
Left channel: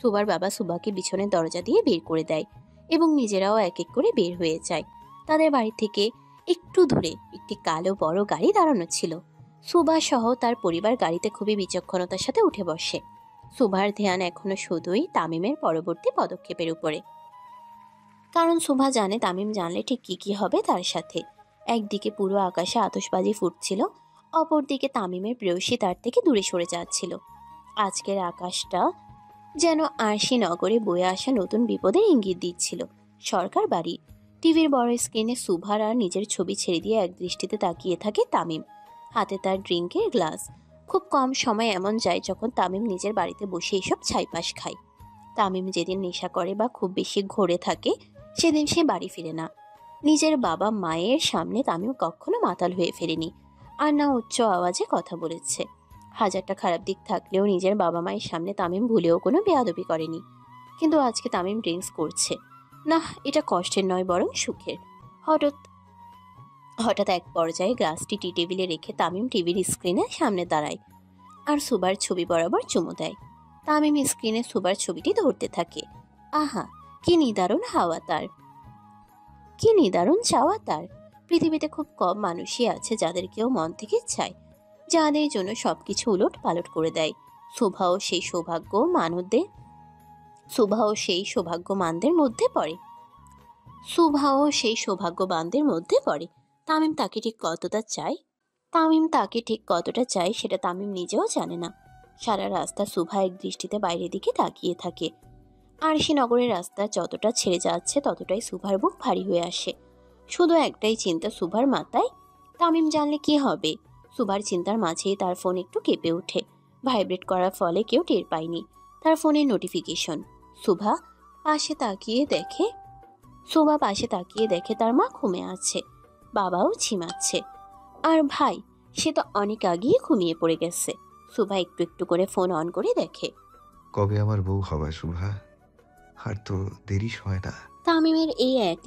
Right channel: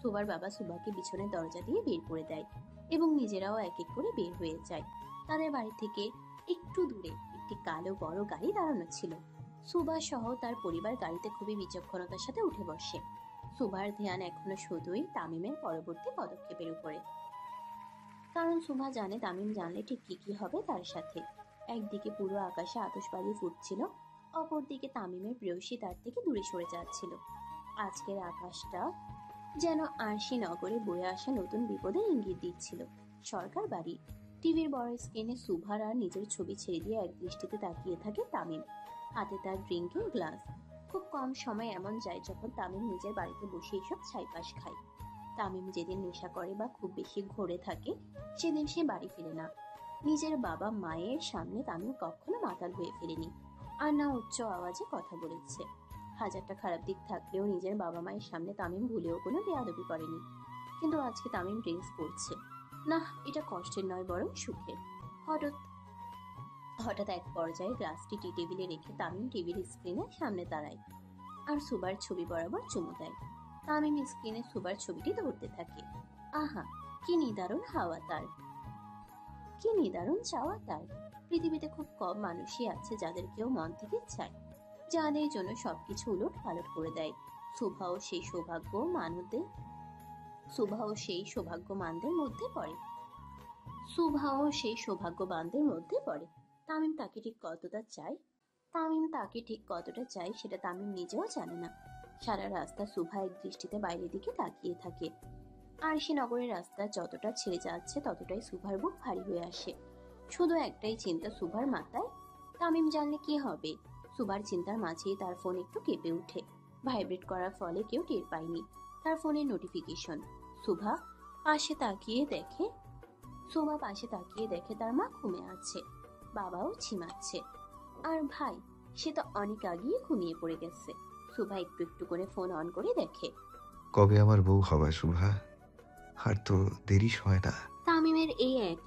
সুভার বাবা সুভাকে পিছনের দরজা দিয়ে বের করে দেয় এবং নিজেরাও এক এক করে বের হয়ে যায়। তাদের বাড়ি থেকে একটু দূরে একটি কালো বড় গাড়ি দাঁড়ানো ছিল। সুভা সহ তার পরিবার গাড়িতে খুবই বিচক্ষণতার সাথে উঠে বসে। সুভার ধ্যান এখনো শুধুই তামিমের পরবর্তী পদক্ষেপের উপরে, কারণ সুভা জানে তামিম জানলে ঠিক কি কি হবে তার সাথে। একদিকে পুরো আকাশে আতশবাজি ফুটছিল, অপরদিকে তামিমের প্রেয়সী তার থেকে দূরে সরে যাচ্ছিল। আজকের আকাশটা যেন আরশি নগরে বয়ে আসা নতুন বিপদের ইঙ্গিত দিচ্ছিল। সরকার বাড়ি টিভির বড় স্ক্রিনে সুভার আর নিজের ছবি ছেড়ে দিয়ে এক দৃষ্টিতে তাকিয়ে থাকে তামিম। হাতে তার ড্রিঙ্কের গ্লাস। খুব কম সময় এমন যায় যখন তামিম নিজের বাড়িতে বসে এসব ছাইপাশ খায়। তামিম যেদিন নেশা করে বা খুব বেশি ঘোরে থাকে সেদিন সে বাড়ি ফিরে না। নিজের বাবা মায়ের সামনে তামিম কখনো মাতাল হয়ে ফেরেনি, আর না উচ্চ আওয়াজে কথা বলেছে। হাজারটা খারাপ দিক থাকলেও নিজের বাবা মায়ের সামনে তামিম ভুলেও কোনো বেয়াদবি করেনি, কিন্তু আজকে তামিম ড্রিঙ্কস করছে না। এটা কষ্টের নয়, বরং সুখের। হঠাৎ হঠাৎ এক পর্যায়ে গ্লাসটি টি টেবিলে রেখে তামিম টিভির স্ক্রিনে সামনে দাঁড়ায় আর সুবার ছবি বরাবর চুমু দেয়। তামিম স্ক্রিনে সুবার ছবিটি ধরতে থাকে। আহা, কি নিদারুণ হাওয়া তার, কি নিদারুণ চাওয়া তার। পৃথিবীতে খুব কম মানুষই আছে যাদের কেউ মন থেকে চায়, যাদের জন্য সবকিছু উলট পালট করে দেয়। শোভাও সেই সৌভাগ্যমানদের মধ্যে পড়ে। তামিম তাকে ঠিক কতটা চায় সেটা তামিম নিজেও জানে না। সারা রাস্তা সুভা এক দৃষ্টিতে বাইরের দিকে তাকিয়ে থাকে। আরশিনগরের রাস্তা যতটা ছেড়ে যাচ্ছে ততটাই সুভার বুক ভারী হয়ে আসে। শুধু একটাই চিন্তা সুভার মাথায়, তামিম জানলে কি হবে। সুভার চিন্তার মাঝেই তার ফোন একটু কেঁপে ওঠে। ভাইব্রেট করার ফলে কেউ টের পায়নি তার ফোনের নোটিফিকেশন। সুভা পাশে তাকিয়ে দেখে তার মা ঘুমে আছে, বাবাও ঝিমাচ্ছে, আর ভাই সে তো অনেক আগেই ঘুমিয়ে পড়ে গেছে। সুভা একটু একটু করে ফোন অন করে দেখে। কবে আমার বউ হবে শুভা? আর তো দেরি হয় না। তামিমের এই এক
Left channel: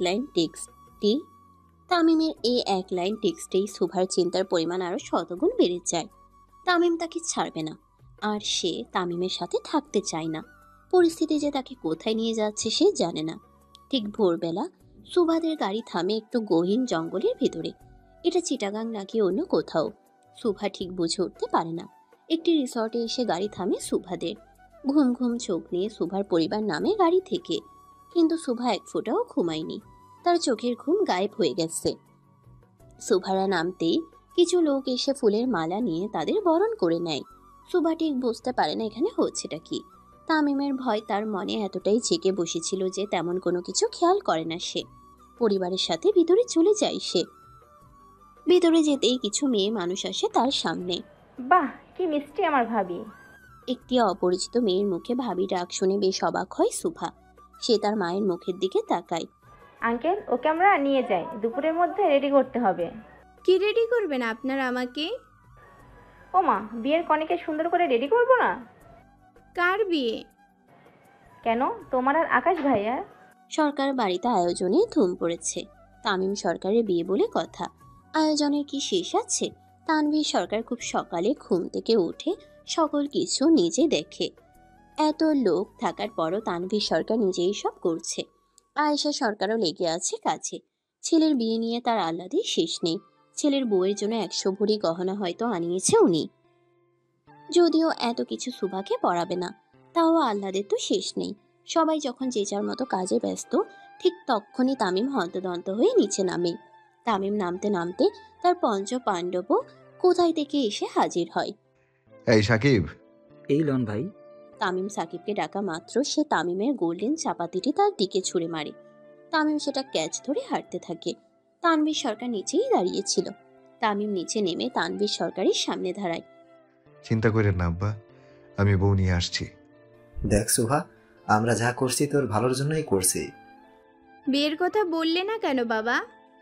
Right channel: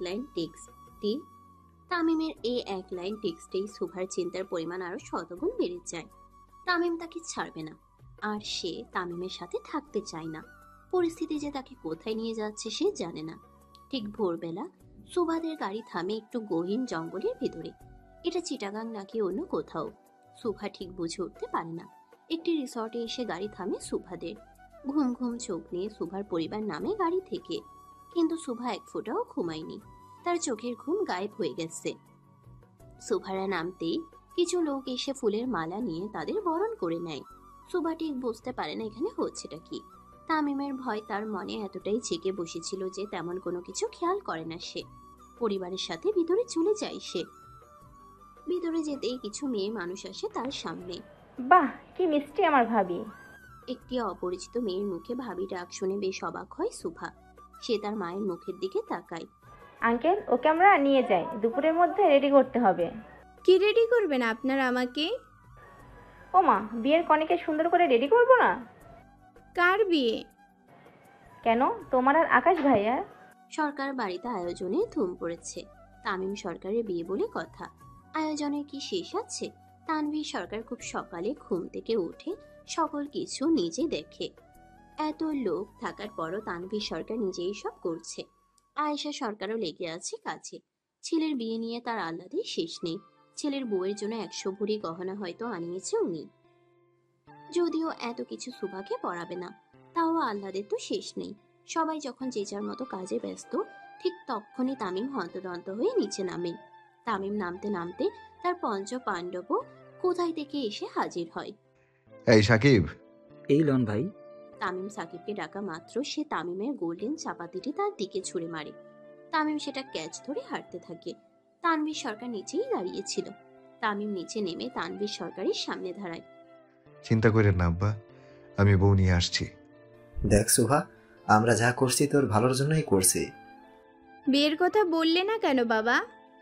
লাইন টেক্সটেই সুভার চিন্তার পরিমাণ আরো শতগুণ বেড়ে যায়। তামিম তাকে ছাড়বে না, আর সে তামিমের সাথে থাকতে চায় না। পরিস্থিতি যে তাকে কোথায় নিয়ে যাচ্ছে সে জানে না। ঠিক ভোরবেলা সুভাদের গাড়ি থামে একটু গহীন জঙ্গলের ভিতরে। এটা চিটাগাং নাকি অন্য কোথাও সুভা ঠিক বুঝে উঠতে পারে না। একটি রিসর্টে এসে গাড়ি থামে সুভাদের। ঘুম ঘুম চোখ নিয়ে সুভার পরিবার নামে গাড়ি থেকে, কিন্তু সুভা এক ফোঁটাও ঘুমায়নি। তার চোখের ঘুম গায়েব হয়ে গেছে। সুভারা নামতেই কিছু লোক এসে ফুলের মালা নিয়ে তাদের বরণ করে নেয়। সুভা ঠিক বুঝতে পারে না এখানে হচ্ছেটা কি। তামিমের ভয় তার মনে এতটাই জেগে বসেছিল যে তেমন কোনো কিছু খেয়াল করে না সে। পরিবারের সাথে ভিতরে চলে যায় সে। ভিতরে যেতেই কিছু মেয়ে মানুষ আসে তার সামনে। বাহ, কি মিষ্টি আমার ভাবি। একটি অপরিচিত মেয়ের মুখে ভাবি ডাক শুনে বেশ অবাক হয় সুভা। সে তার মায়ের মুখের দিকে তাকায়। আঙ্কেল, ওকে আমরা নিয়ে যাই, দুপুরের মধ্যে রেডি করতে হবে। কি রেডি করবেন আপনারা আমাকে? ও মা, বিয়ের কনেকে সুন্দর করে রেডি করবো না? কার বিয়ে? কেন, তোমার আর আকাশ ভাইয়ার। সরকার বাড়িতে আয়োজনে ধুম পড়েছে। তামিম সরকারের বিয়ে বলে কথা, আয়োজনের কি শেষ আছে? তানভীর সরকার খুব সকালে ঘুম থেকে উঠে সকল কিছু নিজে দেখে। এত লোক থাকার পরও তানভীর সরকার নিজেই সব করছে। আয়েশা সরকারও লেগে আছে কাজে। ছেলের বিয়ে নিয়ে তার আহ্লাদের শেষ নেই। ছেলের বউয়ের জন্য 100 ভরি গহনা হয়তো আনিয়েছে উনি। যদিও এত কিছু সুভাকে পড়াবে না, তাও আহ্লাদের তো শেষ নেই। সবাই যখন যে যার মতো কাজে ব্যস্ত, ঠিক তখনই তামিম হন্তদন্ত হয়ে নিচে নামে। তামিম নামতে নামতে তার পঞ্চ পাণ্ডবও কোথায় থেকে এসে হাজির হয়। এই সাকিব। এই লন ভাই। তামিম সাকিবকে ডাকা মাত্র সে তামিমের গোল্ডেন চাপাতিটি তার দিকে ছুঁড়ে মারে। তামিম সেটা ক্যাচ ধরে হাঁটতে থাকে। তানভীর সরকার নিচেই দাঁড়িয়েছিল। তামিম নিচে নেমে তানভীর সরকারের সামনে দাঁড়ায়। চিন্তা করে না আব্বা, আমি বউ নিয়ে আসছি। দেখ সুভা, আমরা যা করছি তোর ভালোর জন্যই করছি। বিয়ের কথা বললে না কেন বাবা?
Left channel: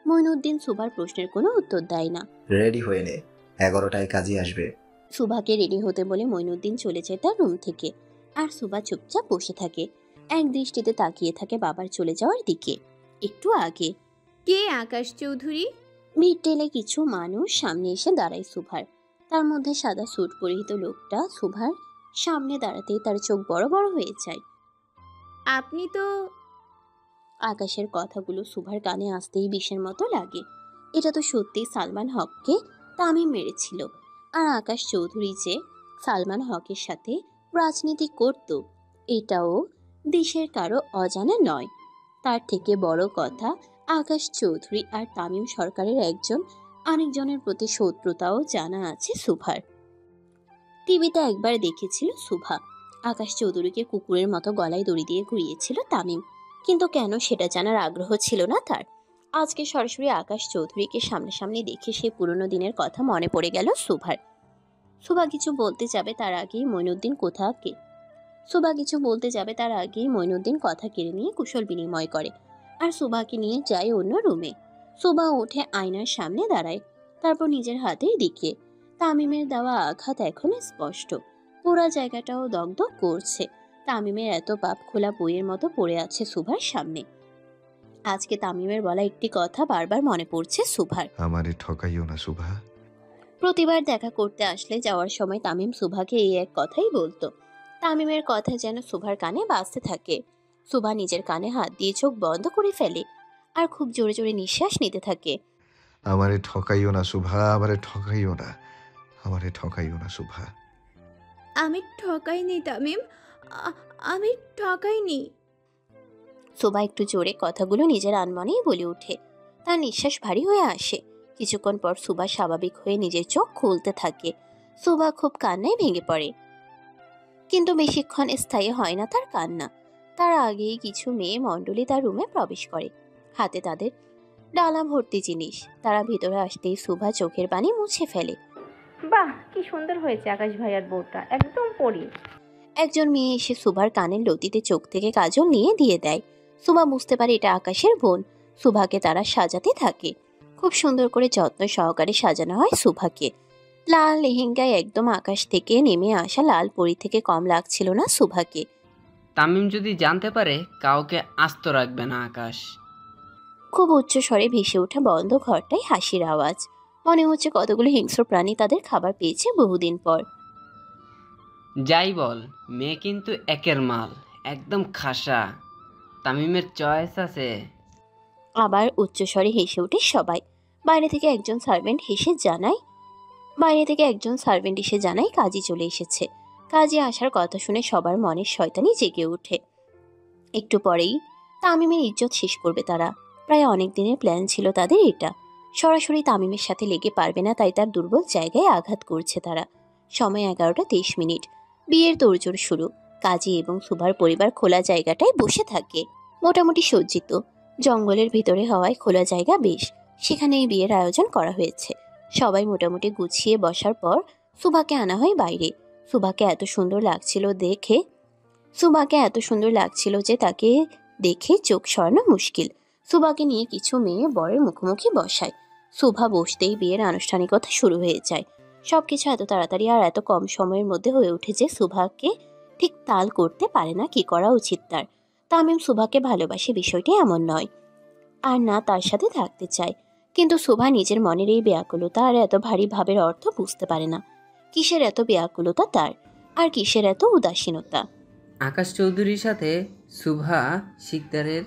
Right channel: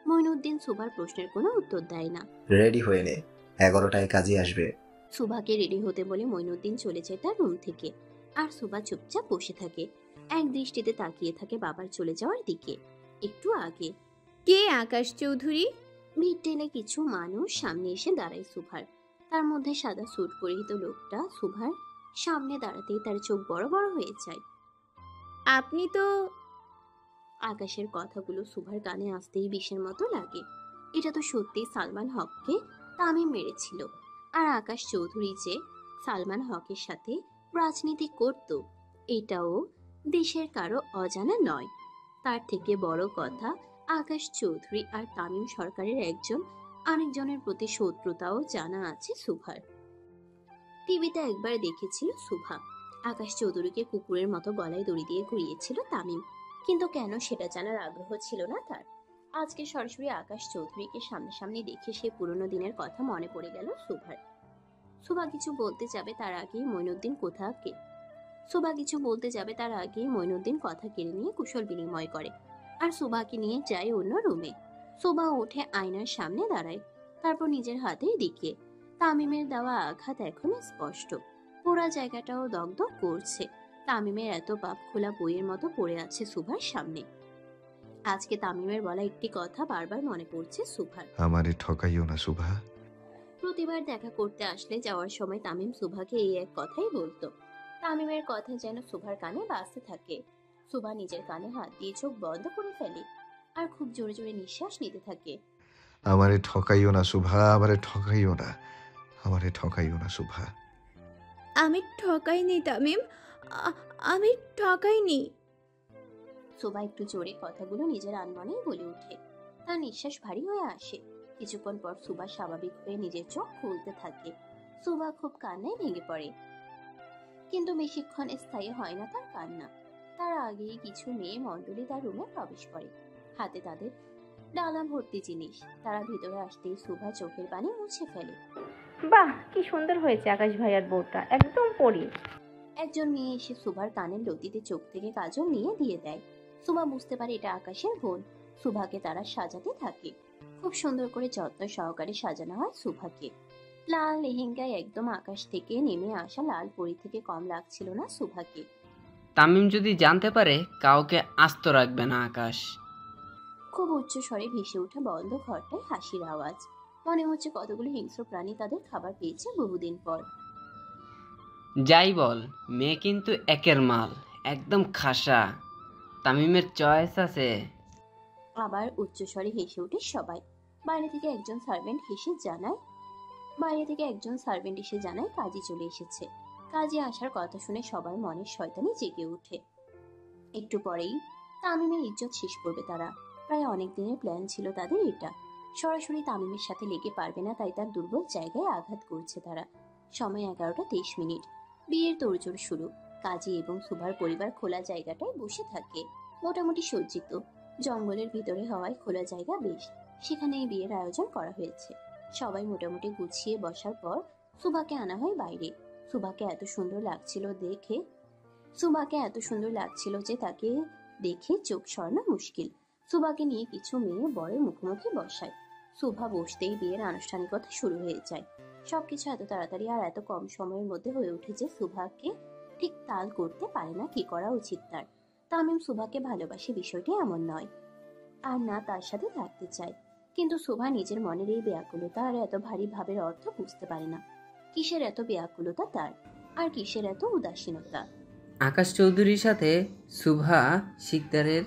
মইনুদ্দিন সুভার প্রশ্নের কোনো উত্তর দেয় না। রেডি হয়ে নে, 11টায় কাজে আসবে। সুভাকে রেডি হতে বলে মইনুদ্দিন চলে যায় তার রুম থেকে। আর সুভা চুপচাপ বসে থাকে, এক দৃষ্টিতে তাকিয়ে থাকে বাবার চলে যাওয়ার দিকে। একটু আগে কে আকাশ চৌধুরী? মিড টেলে কিছু মানুষ সামনে এসে দাঁড়ায় সুভার। তার মধ্যে সাদা স্যুট পরিহিত লোকটা সুভার সামনে দাঁড়াতেই তার চোখ বড় বড় হয়ে যায়। আপনি তো... আকাশের কথাগুলো সুভার কানে আসতেই বিষের মতো লাগে। এটা তো সত্যি সালমান হককে তামিম মেরেছিল। আর আকাশ চৌধুরী যে সালমান হকের সাথে রাজনীতি করত, এটাও দেশের কারো অজানা নয়। তার থেকে বড় কথা, আকাশ চৌধুরী আর তামিম সরকারের একজন আরেকজনের প্রতি শত্রুতাও জানা আছে সুভার। টিভিতে একবার দেখেছিল সুভা আকাশ চৌধুরীকে কুকুরের মতো গলায় দড়ি দিয়ে ঘুরিয়েছিল তামিম, কিন্তু কেন সেটা জানার আগ্রহ ছিল না তার। আজকে সরাসরি আকাশ চৌধুরীকে সামনাসামনি দেখে সে পুরনো দিনের কথা মনে পড়ে গেল সুভার। সুভা কিছু বলতে যাবে তার আগেই মইনুদ্দিন কথা কেড়ে নিয়ে কুশল বিনিময় করে আর সুভাকে নিয়ে যায় অন্য রুমে। সুভা উঠে আয়নার সামনে দাঁড়ায়, তারপর নিজের হাতের দিকে তামিমের দেওয়া আঘাত এখনো স্পষ্ট, পুরা জায়গাটাও দগদগ করছে। তামিমের এত পাপ খোলা বইয়ের মতো পড়ে আছে সুভার সামনে। আজকে তামিমের বলা একটি কথা বারবার মনে পড়ছে সুভার। আমারে ঠকাইও না সুভা। প্রতিবার দেখা করতে আসলে যাওয়ার সময় তামিম সুভাকে এই এক কথাই বলতো। তামিমের কথা যেন সুভার কানে বাজতে থাকে। সুভা নিজের কানে হাত দিয়ে চোখ বন্ধ করে ফেলে আর খুব জোরে জোরে নিঃশ্বাস নিতে থাকে। আমারে ঠকাইও না সুভা, আমারে ঠকাইও না, আমারে ঠকাইও না সুভা। আমি ঠকাইনি তামিম, আমি ঠকাইনি। সুভা একটু জোরে কথাগুলো নিজের আনমনেই বলে ওঠে। তার নিঃশ্বাস ভারী হয়ে আসে। কিছুক্ষণ পর সুভা স্বাভাবিক হয়ে নিজের চোখ খুলতে থাকে। সুভা খুব কান্নায় ভেঙে পড়ে, কিন্তু বেশিক্ষণ স্থায়ী হয় না তার কান্না। তার আগেই কিছু মেয়ে মণ্ডলী তার রুমে প্রবেশ করে, হাতে তাদের ডালা ভর্তি জিনিস। তারা ভিতরে আসতেই সুভা চোখের পানি মুছে ফেলে। বাহ, কি সুন্দর হয়েছে আকাশ ভাইয়ার বউটা, একদম পরি। একজন মেয়ে এসে সুভার কানের লতিতে চোখ থেকে কাজল নিয়ে দিয়ে দেয়। সুভা বুঝতে পারে এটা আকাশের বোন। সুভাকে তারা সাজাতে থাকে। খুব সুন্দর করে যত্ন সহকারে সাজানো হয় সুভাকে। লাল লেহেঙ্গায় একদম আকাশ থেকে নেমে আসা লাল পরি থেকে কম লাগছিল না সুভাকে। তামিম যদি জানতে পারে কাউকে আস্ত রাখবে না আকাশ। খুব উচ্চ স্বরে ভেসে ওঠা বন্ধ ঘরটায় হাসির আওয়াজ। মনে হচ্ছে কতগুলো হিংস্র প্রাণী তাদের খাবার পেয়েছে বহুদিন পর। যাই বল, মেয়ে কিন্তু একের মাল, একদম খাসা। তামিমের চয়েস আছে। আবার উচ্চস্বরে হেসে ওঠে সবাই। বাইরে থেকে একজন সার্ভেন্ট এসে জানায় কাজী চলে এসেছে। কাজী আসার কথা শুনে সবার মনের শয়তানি জেগে ওঠে। একটু পরেই তামিমের ইজ্জত শেষ করবে তারা। প্রায় অনেক দিনের প্ল্যান ছিল তাদের এটা। সরাসরি তামিমের সাথে লেগে পারবে না, তাই তার দুর্বল জায়গায় আঘাত করছে তারা। সময় 11:23। বিয়ের তোড়জোড় শুরু। কাজী এবং সুভার পরিবার খোলা জায়গাটায় বসে থাকে। মোটামুটি সজ্জিত, জঙ্গলের ভিতরে হওয়ায় খোলা জায়গা বেশ। সেখানেই বিয়ের আয়োজন করা হয়েছে। সবাই মোটামুটি গুছিয়ে বসার পর সুভাকে আনা হয় বাইরে। সুভাকে এত সুন্দর লাগছিল যে তাকে দেখে চোখ সরানো মুশকিল। সুভাকে নিয়ে কিছু মেয়ে বরের মুখোমুখি বসায়। সুভা বসতেই বিয়ের আনুষ্ঠানিকতা শুরু হয়ে যায়। সবকিছু এত তাড়াতাড়ি আর এত কম সময়ের মধ্যে হয়ে ওঠে যে সুভাকে ঠিক তাল করতে পারে না কি করা উচিত তার। তামিম সুভাকে ভালোবাসে বিষয়টি এমন নয়, আর না তার সাথে থাকতে চায়। কিন্তু সুভা নিজের মনের এই ব্যাকুলতা আর এত ভারী ভাবের অর্থ বুঝতে পারে না। কিসের এত ব্যাকুলতা তার, আর কিসের এত উদাসীনতা। আকাশ চৌধুরীর সাথে সুভা শিকদারের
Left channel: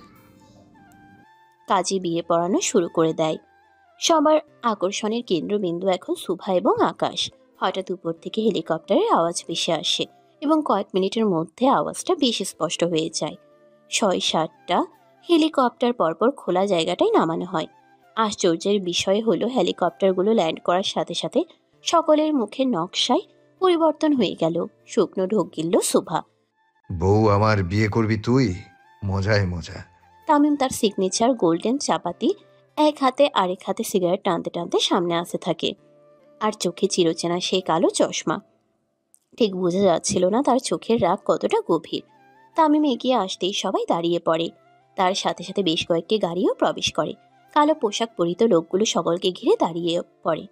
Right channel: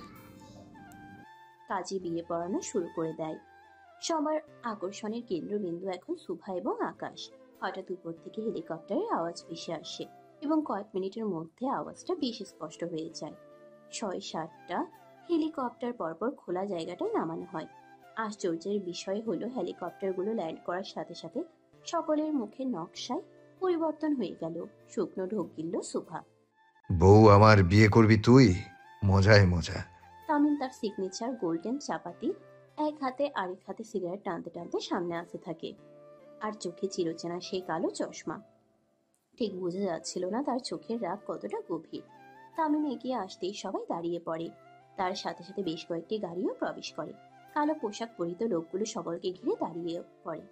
কাজী বিয়ে পড়ানো শুরু করে দেয়। সবার আকর্ষণের কেন্দ্রবিন্দু এখন সুভা এবং আকাশ। হঠাৎ উপর থেকে হেলিকপ্টারের আওয়াজ ভেসে আসে এবং কয়েক মিনিটের মধ্যে আওয়াজটা বেশ স্পষ্ট হয়ে যায়। 6-7টা হেলিকপ্টার পরপর খোলা জায়গাটায় নামানো হয়। আশ্চর্যের বিষয় হলো হেলিকপ্টারগুলো ল্যান্ড করার সাথে সাথে সকলের মুখের নকশায় পরিবর্তন হয়ে গেল। শুকনো ঢোক গিলল সুভা। বউ আমার, বিয়ে করবি তুই? মজায় মজা। তামিম তার সিগনেচার গোল্ডেন চাপাতি এক হাতে আরেক হাতে সিগারেট টানতে টানতে সামনে আসতে থাকে, আর চোখে চিরচেনা সেই কালো চশমা। ঠিক বোঝা যাচ্ছিল না তার চোখের রাগ কতটা গভীর। তামিম এগিয়ে আসতেই সবাই দাঁড়িয়ে পড়ে। তার সাথে সাথে বেশ কয়েকটি গাড়িও প্রবেশ করে। কালো পোশাক পরিত লোকগুলো সকলকে ঘিরে দাঁড়িয়ে পড়ে।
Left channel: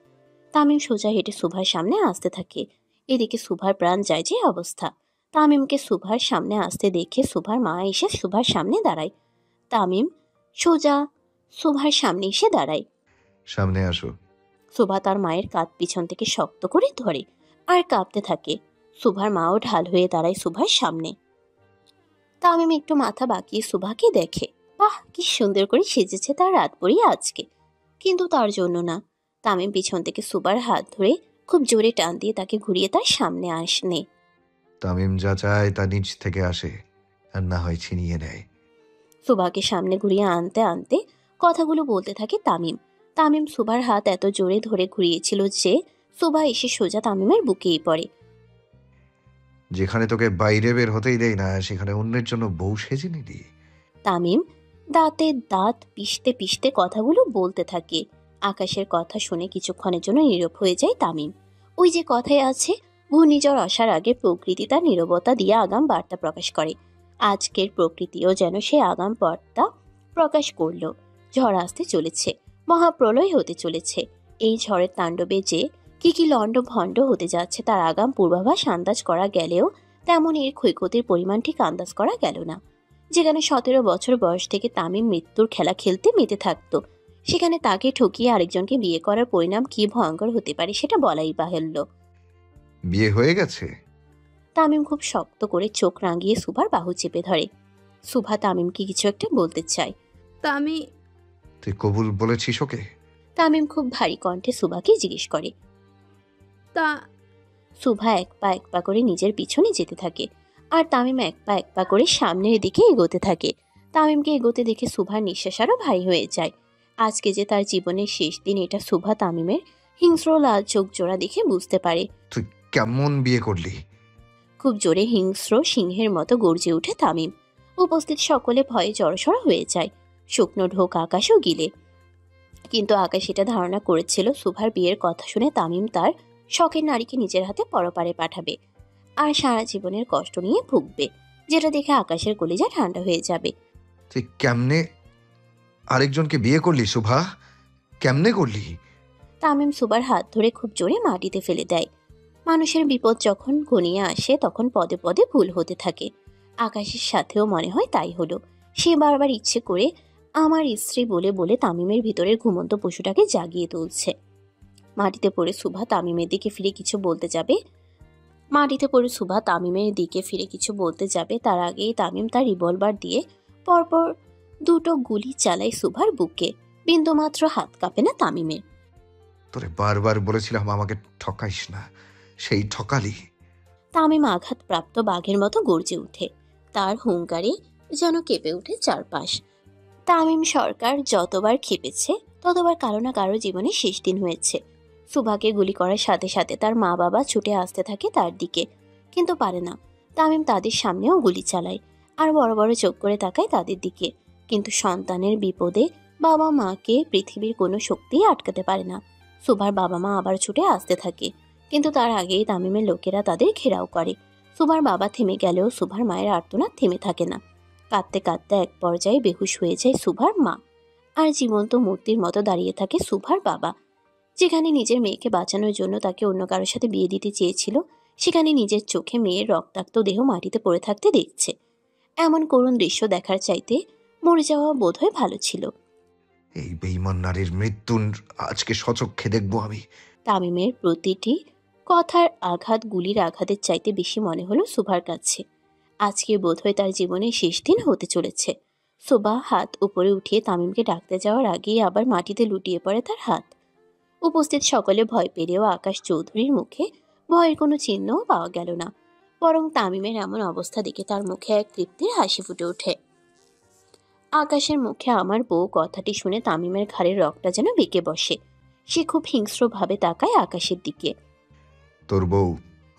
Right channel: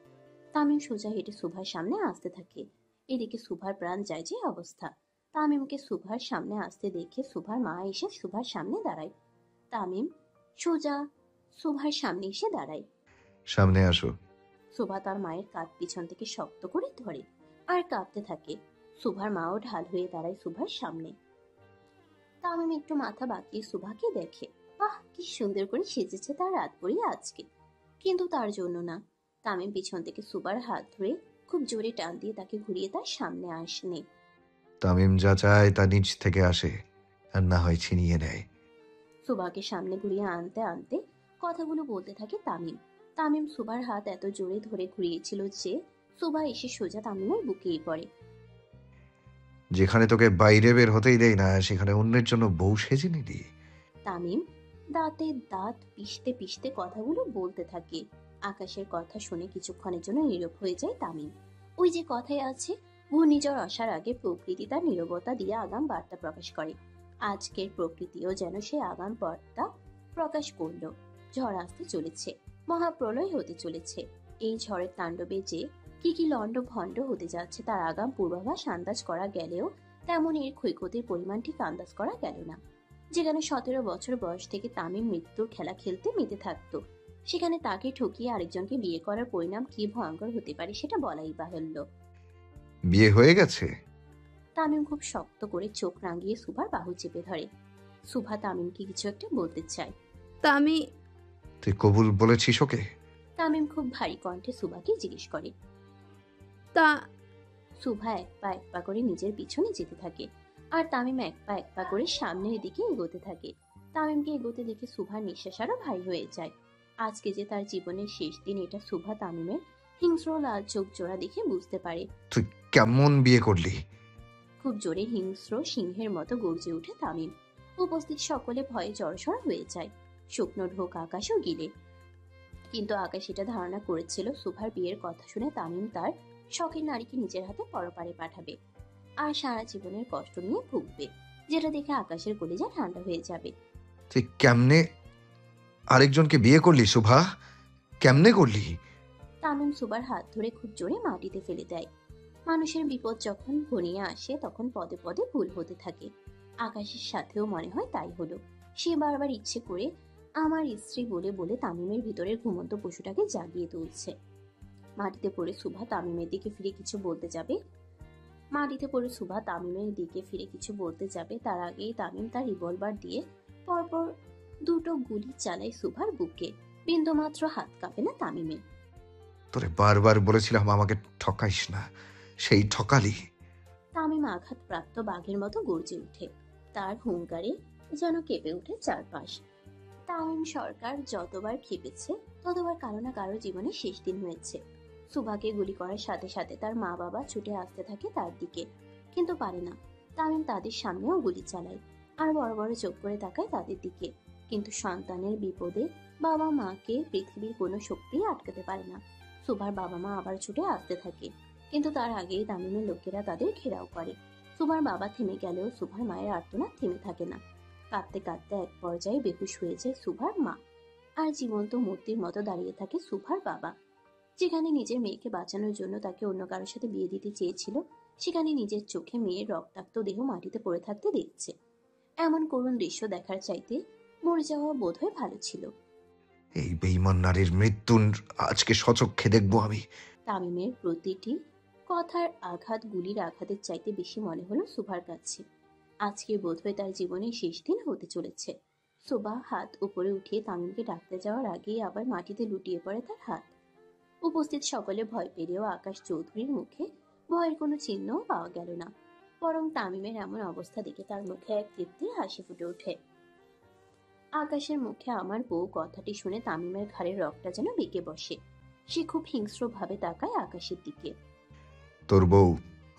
তামিম সোজা হেঁটে সুভার সামনে আসতে থাকে। এদিকে সুভার প্রাণ যায় যে অবস্থা। তামিমকে সুভার সামনে আসতে দেখে সুভার মা এসে সুভার সামনে দাঁড়ায়। তামিম সোজা সুভার সামনে এসে দাঁড়ায়। সামনে আসো। সুভা তার মায়ের কাঁধ পিছন থেকে শক্ত করে ধরে আর কাঁপতে থাকে। সুভার মাও ঢাল হয়ে দাঁড়ায় সুভার সামনে। তামিম একটু মাথা বাঁকিয়ে সুভাকে দেখে। বাহ, কি সুন্দর করে সেজেছে তার রাত পড়ি আজকে। কিন্তু তার জন্য না। তামিম পিছন থেকে সুভার হাত ধরে খুব জোরে টান দিয়ে তাকে ঘুরিয়ে তার সামনে আসনে। তামিম যা চায় তা নিচ থেকে আসে, আর না হয় ছিনিয়ে নেয়। সুভাকে সামনে ঘুরিয়ে আনতে আনতে কথাগুলো বলতে থাকে তামিম। তামিম সুভার হাত এত জোরে ধরে ঘুরিয়েছিল যে সুভা এসে সোজা তামিমের বুকেই পড়ে। যেখানে তোকে বাইরে বের হতেই দেয় না, সেখানে অন্যের জন্য বউ সেজে নিলি। তামিম দাঁতে দাঁত পিষতে পিষতে কথাগুলো বলতে থাকে। আকাশের কথা শুনে কিছুক্ষণের জন্য নীরব হয়ে যায় তামিম। ওই যে কথায় আছে, ঘূর্ণিঝড় আসার আগে প্রকৃতি তার নীরবতা দিয়ে আগাম বার্তা প্রকাশ করে। আজকের প্রকৃতিও যেন সে আগাম বার্তা প্রকাশ করলো। ঝড় আসতে চলেছে, মহাপ্রলয় হতে চলেছে। এই ঝড়ের তাণ্ডবে যে কি লন্ড ভণ্ড হতে যাচ্ছে তার আগাম পূর্বাভাস আন্দাজ করা গেলেও তেমন এর ক্ষয়ক্ষতির পরিমাণ ঠিক আন্দাজ করা গেল না। যেখানে 17 বছর বয়স থেকে তামিম মৃত্যুর খেলা খেলতে মেতে থাকতো, সেখানে তাকে ঠকিয়ে আরেকজনকে বিয়ে করার পরিণাম কি ভয়ঙ্কর হতে পারে সেটা বলাই বাহুল্য। বিয়ে হয়ে গেছে? তামিম খুব শক্ত করে চোখ রাঙিয়ে সুভার বাহু চেপে ধরে। সুভা তামিমকে কিছু একটা বলতে চায়। তুই কবুল বলেছিস ওকে? তামিম খুব ভারী কণ্ঠে সুভাকে জিজ্ঞেস করে। সুভা এক পা করে নিজের পিছনে যেতে থাকে, আর তামিম এক পা করে সামনের দিকে এগোতে থাকে। তামিমকে এগোতে দেখে সুভার নিঃশ্বাস আরো ভারী হয়ে যায়। আজকে যে তার জীবনের শেষ দিন, এটা সুভা তামিমের হিংস্র লাল চোখ জোড়া দেখে বুঝতে পারে। তুই কেমন বিয়ে করলি? খুব জোরে হিংস্র সিংহের মতো গর্জে ওঠে তামিম। উপস্থিত সকলে ভয়ে জড়সড় হয়ে যায়। শুকনো ঢোক আকাশও গিলে। কিন্তু আকাশ এটা ধারণা করেছিল সুভার বিয়ের কথা শুনে তামিম তার শখের নারীকে নিজের হাতে পরপারে পাঠাবে আর সারা জীবনের কষ্ট নিয়ে ভুগবে, যেটা দেখে আকাশের কলিজা ঠান্ডা হয়ে যাবে। তুই কেমনে আরেকজনকে বিয়ে করলি সুভা? কেমনে করলি? তামিম সুভার হাত ধরে খুব জোরে মাটিতে ফেলে দেয়। মানুষের বিপদ যখন ঘনিয়ে আসে তখন পদে পদে ভুল হতে থাকে। আকাশের সাথেও মনে হয় তাই হলো। সে বারবার ইচ্ছে করে আমার স্ত্রী বলে বলে তামিমের ভিতরের ঘুমন্ত পশুটাকে জাগিয়ে তুলছে। মাটিতে পড়ে সুভা তামিমের দিকে ফিরে কিছু বলতে যাবে তার আগেই তামিম তার রিভলভার দিয়ে পরপর 2টো গুলি চালায় সুভার বুকে। বিন্দুমাত্র হাত কাঁপে না তামিমের। তোরে বারবার বলেছিলাম আমাকে ঠকাইস না, সেই ঠকালি। তামিম আঘাতপ্রাপ্ত বাঘের মতো গর্জে ওঠে। তার হুঙ্কারে যেন কেঁপে ওঠে চারপাশ। তামিম সরকার যতবার খেপেছে ততবার কারো না কারো জীবনে শেষ দিন হয়েছে। সুভাকে গুলি করার সাথে সাথে তার মা বাবা ছুটে আসতে থাকে তার দিকে, কিন্তু পারে না। তামিম তাদের সামনেও গুলি চালায় আর বড় বড় চোখ করে তাকায় তাদের দিকে, কিন্তু সন্তানের বিপদে বাবা মাকে পৃথিবীর কোনো শক্তিই আটকাতে পারে না। সুভার বাবা মা আবার ছুটে আসতে থাকে, কিন্তু তার আগেই তামিমের লোকেরা তাদের ঘেরাও করে। সুভার বাবা থেমে গেলেও সুভার মায়ের আর্তনাদ থেমে থাকে না। কাঁদতে কাঁদতে এক পর্যায়ে বেহুশ হয়ে যায় সুভার মা, আর জীবন্ত মূর্তির মতো দাঁড়িয়ে থাকে সুভার বাবা। যেখানে নিজের মেয়েকে বাঁচানোর জন্য তাকে অন্য কারোর সাথে বিয়ে দিতে চেয়েছিল, সেখানে নিজের চোখে মেয়ের রক্তাক্ত দেহ মাটিতে পড়ে থাকতে দেখছে। এমন করুণ দৃশ্য দেখার চাইতে মরে যাওয়া বোধহয় ভালো ছিল। এই বেঈমান নারীর মৃত্যু আজকে সচক্ষে দেখবো আমি। তামিমের প্রতিটি কথার আঘাত গুলির আঘাতের চাইতে বেশি মনে হলো সুভার কাছে। আজকে বোধহয় তার জীবনের শেষ দিন হতে চলেছে। সুভা হাত উপরে উঠিয়ে তামিমকে ডাকতে যাওয়ার আগেই আবার মাটিতে লুটিয়ে পড়ে তার হাত। উপস্থিত সকলে ভয় পেলেও আকাশ চৌধুরীর মুখে ভয়ের কোনো চিহ্নও পাওয়া গেল না, বরং তামিমের এমন অবস্থা দেখে তার মুখে এক তৃপ্তির হাসি ফুটে ওঠে। আকাশের মুখে আমার বউ কথাটি শুনে তামিমের ঘাড়ের রগটা যেন বেঁকে বসে। সে খুব হিংস্রভাবে তাকায় আকাশের দিকে। তোর বউ?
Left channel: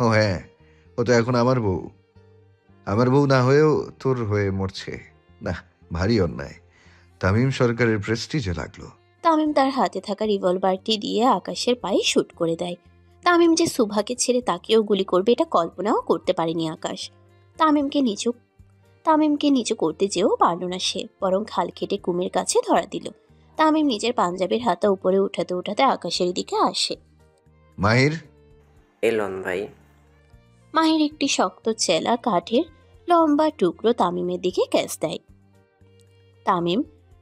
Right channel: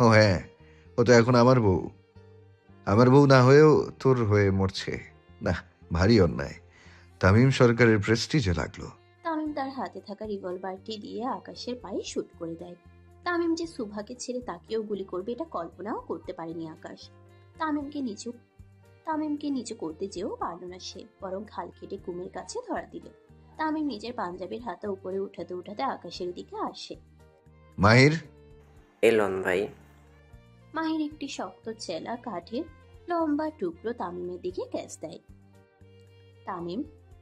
ও হ্যাঁ, ও তো এখন আমার বউ। আমার বউ না হয়েও তোর হয়ে মরছে না, ভারী অন্যায়। তামিম সরকারের প্রেস্টিজে লাগলো। তামিম তার হাতে থাকা রিভলভারটি দিয়ে আকাশের পায়ে শুট করে দেয়। তামিম যে সুভাকে ছেড়ে তাকেও গুলি করবে এটা কল্পনাও করতে পারেনি আকাশ। তামিমকে নিচু করতে যেও পারল না সে, বরং খাল কেটে কুমির কাছে ধরা দিল। তামিম নিজের পাঞ্জাবির হাতা উপরে উঠাতে উঠাতে আকাশের দিকে আসে। মাহির এলন ভাই। মাহির একটি শক্ত চেলা কাঠের লম্বা টুকরো তামিমের দিকে ক্যাচ দেয়। তামিম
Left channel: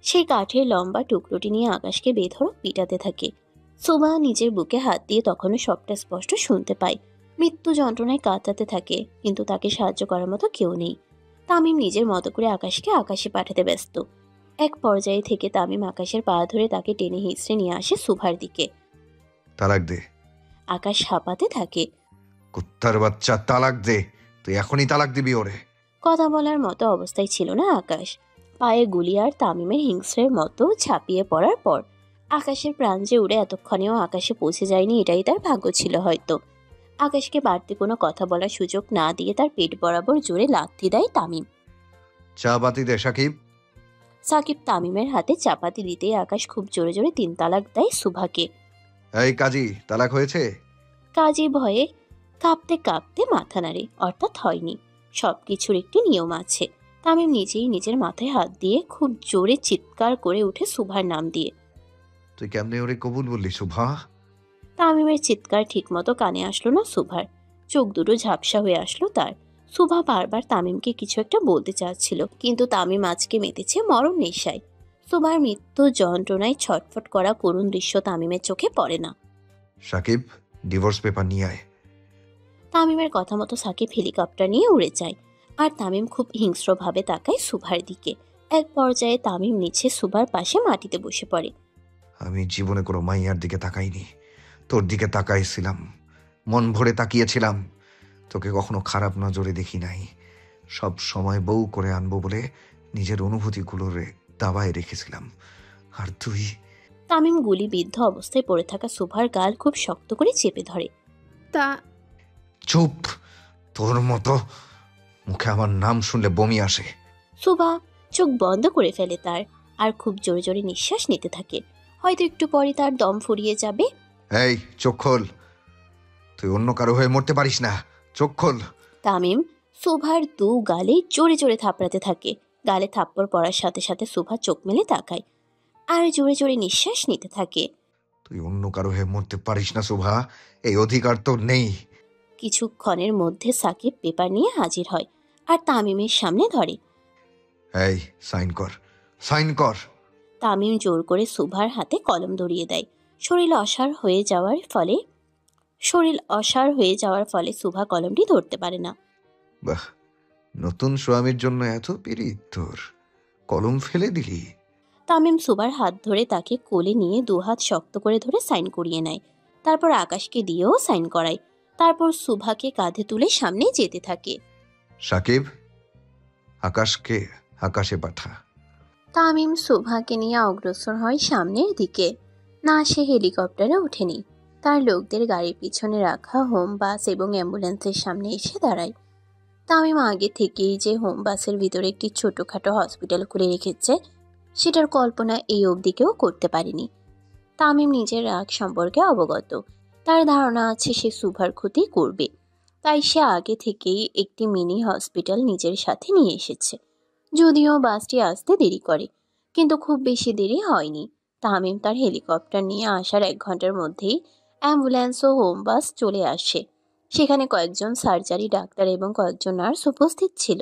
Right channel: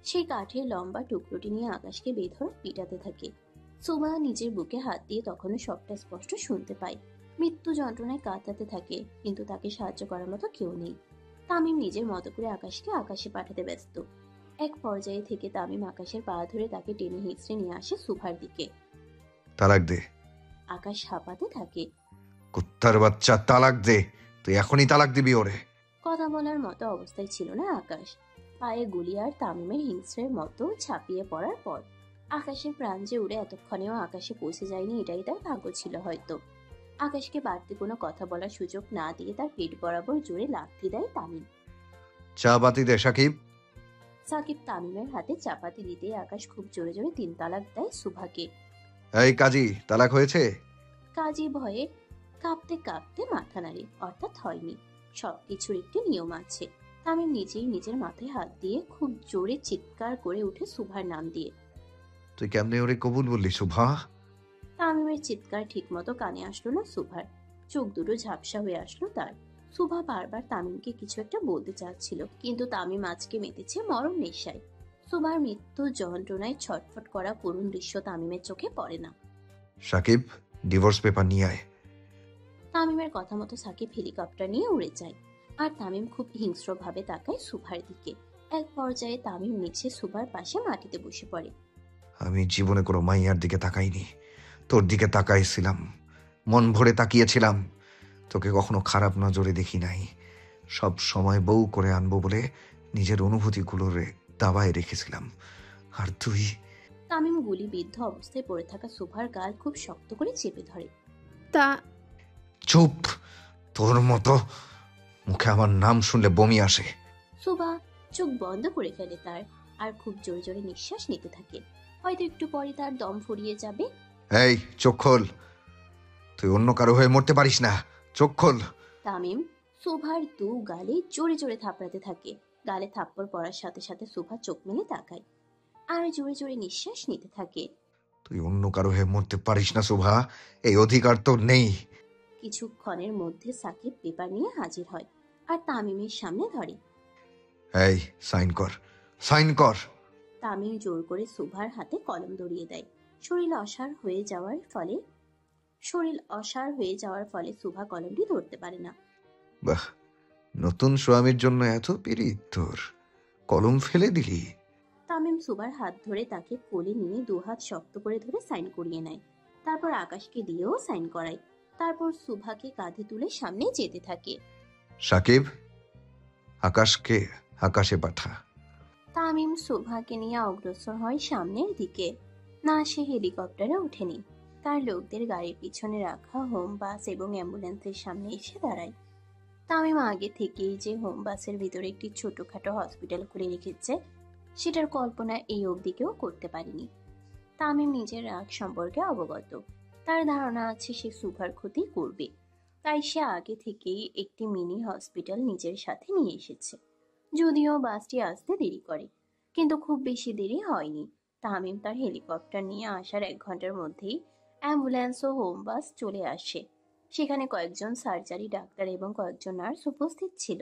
সেই কাঠের লম্বা টুকরোটি নিয়ে আকাশকে বেধড়ক পিটাতে থাকে। সুভা নিজের বুকে হাত দিয়ে তখনও সবটা স্পষ্ট শুনতে পায়। মৃত্যু যন্ত্রণায় কাঁদতে থাকে, কিন্তু তাকে সাহায্য করার মতো কেউ নেই। তামিম নিজের মতো করে আকাশকে আকাশে পাঠাতে ব্যস্ত। এক পর্যায়ে থেকে তামিম আকাশের পা ধরে তাকে টেনে হিঁচড়ে নিয়ে আসে সুভার দিকে। তালাক দে। আকাশ হাঁপাতে থাকে। কুত্তার বাচ্চা, তালাক দে। তুই এখনই তালাক দিবি ওরে। কথা বলার মতো অবস্থায় ছিল না আকাশ। পায়ে গুলি আর তামিমের হিংস্রের মতো ঝাঁপিয়ে পড়ার পর আকাশের প্রাণ যে উড়ে এতক্ষণেও আকাশে পৌঁছে যায়নি, এটাই তার ভাগ্য ছিল হয়তো। আকাশকে বাড়তি কোনো কথা বলার সুযোগ না দিয়ে তার পেট বরাবর জোরে লাথি দেয় তামিম। চা বাতি দে সাকিব। সাকিব তামিমের হাতে চাপাতি দিতেই আকাশ খুব জোরে জোরে 3 তালাক দেয় সুভাকে। এই কাজী, তালাক হয়েছে? কাজী ভয়ে কাঁপতে কাঁপতে মাথা নাড়ে, অর্থাৎ হয়নি। সবকিছুর একটি নিয়ম আছে। তামিম নিজেই নিজের মাথায় হাত দিয়ে খুব জোরে চিৎকার করে উঠে সুভার নাম দিয়ে। তুই কেমনে ওরে কবুল বললি সুভা? তামিমের চিৎকার ঠিকমতো কানে আসলো না সুভার। চোখ দুটো ঝাপসা হয়ে আসলো তার। সুভা বারবার তামিমকে কিছু একটা বলতে চাচ্ছিল, কিন্তু তামিম আজকে মেতেছে মরণ নেশায়। সুভার মৃত্যু যন্ত্রণায় ছটফট করা করুণ দৃশ্য তামিমের চোখে পড়ে না। সাকিব, ডিভোর্স পেপার নিয়ে আয়। তামিমের কথা মতো সাকিব হেলিকপ্টার নিয়ে উড়ে যায়, আর তামিম খুব হিংস্রভাবে তাকায় সুভার দিকে। এক পর্যায়ে তামিম নিচে সুভার পাশে মাটিতে বসে পড়ে। আমি জীবনে কোনো মাইয়ার দিকে তাকাইনি, তোর দিকে তাকাইছিলাম, মন ভরে তাকিয়েছিলাম। তোকে কখনো খারাপ নজরে দেখি নাই। সব সময় বউ করে আনবো বলে নিজের অনুভূতিগুলোরে দাবায় রেখেছিলাম, আর তুই। তামিম গুলিবিদ্ধ অবস্থায় পড়ে থাকা সুভার গাল খুব শক্ত করে চেপে ধরে। তা চুপ, তোর মতো মুখে আমার নাম শুনলে বমি আসে। সুভা চোখ বন্ধ করে ফেলে তার, আর খুব জোরে জোরে নিঃশ্বাস নিতে থাকে। হয়তো একটু পরে তার দম ফুরিয়ে যাবে। এই চোখ খোল, তুই অন্য কারো হয়ে মরতে পারিস না, চোখ খোল। তামিম সুভার দু গালে জোরে জোরে থাপড়াতে থাকে। গালে থাপ্পড় পড়ার সাথে সাথে সুভা চোখ মেলে তাকায় আর জোরে জোরে নিঃশ্বাস নিতে থাকে। তুই অন্য কারো হয়ে মরতে পারিস না শোভা, এই অধিকার তোর নেই। কিছুক্ষণের মধ্যে সাকিব পেপার নিয়ে হাজির হয় আর তামিমের সামনে ধরে। এই সাইন কর, সাইন কর। তামিম জোর করে সুভার হাতে কলম ধরিয়ে দেয়। শরীর অসাড় হয়ে যাওয়ার ফলে সুভা কলমটি ধরতে পারে না। বাহ, নতুন স্বামীর জন্য এত পিরিত তোর, কলম ফেলে দিলি। তামিম সুভার হাত ধরে তাকে কোলে নিয়ে দুহাত শক্ত করে ধরে সাইন করিয়ে নেয়। তারপর আকাশকে দিয়েও সাইন করায়। তারপর সুভাকে কাঁধে তুলে সামনে যেতে থাকে। সাকিব, আকাশকে আকাশে পাঠা। তামিম সুভাকে নিয়ে অগ্রসর হয় সামনের দিকে। না, সে হেলিকপ্টারে ওঠেনি। তার লোকদের গাড়ির পিছনে রাখা হোম বাস এবং অ্যাম্বুলেন্সের সামনে এসে দাঁড়ায়। তামিম আগে থেকেই যে হোম বাসের ভিতরে একটি ছোটখাটো হসপিটাল খুলে রেখেছে, সেটার কল্পনা এই অবধি কেউ করতে পারেনি। তামিম নিজের রাগ সম্পর্কে অবগত। তার ধারণা আছে সে সুভার ক্ষতি করবে, তাই সে আগে থেকেই একটি মিনি হসপিটাল নিজের সাথে নিয়ে এসেছে। যদিও বাসটি আসতে দেরি করে, কিন্তু খুব বেশি দেরি হয়নি। তামিম তার হেলিকপ্টার নিয়ে আসার 1 ঘন্টার মধ্যেই অ্যাম্বুলেন্স ও হোম বাস চলে আসে। সেখানে কয়েকজন সার্জারি ডাক্তার এবং কয়েকজন নার্স উপস্থিত ছিল।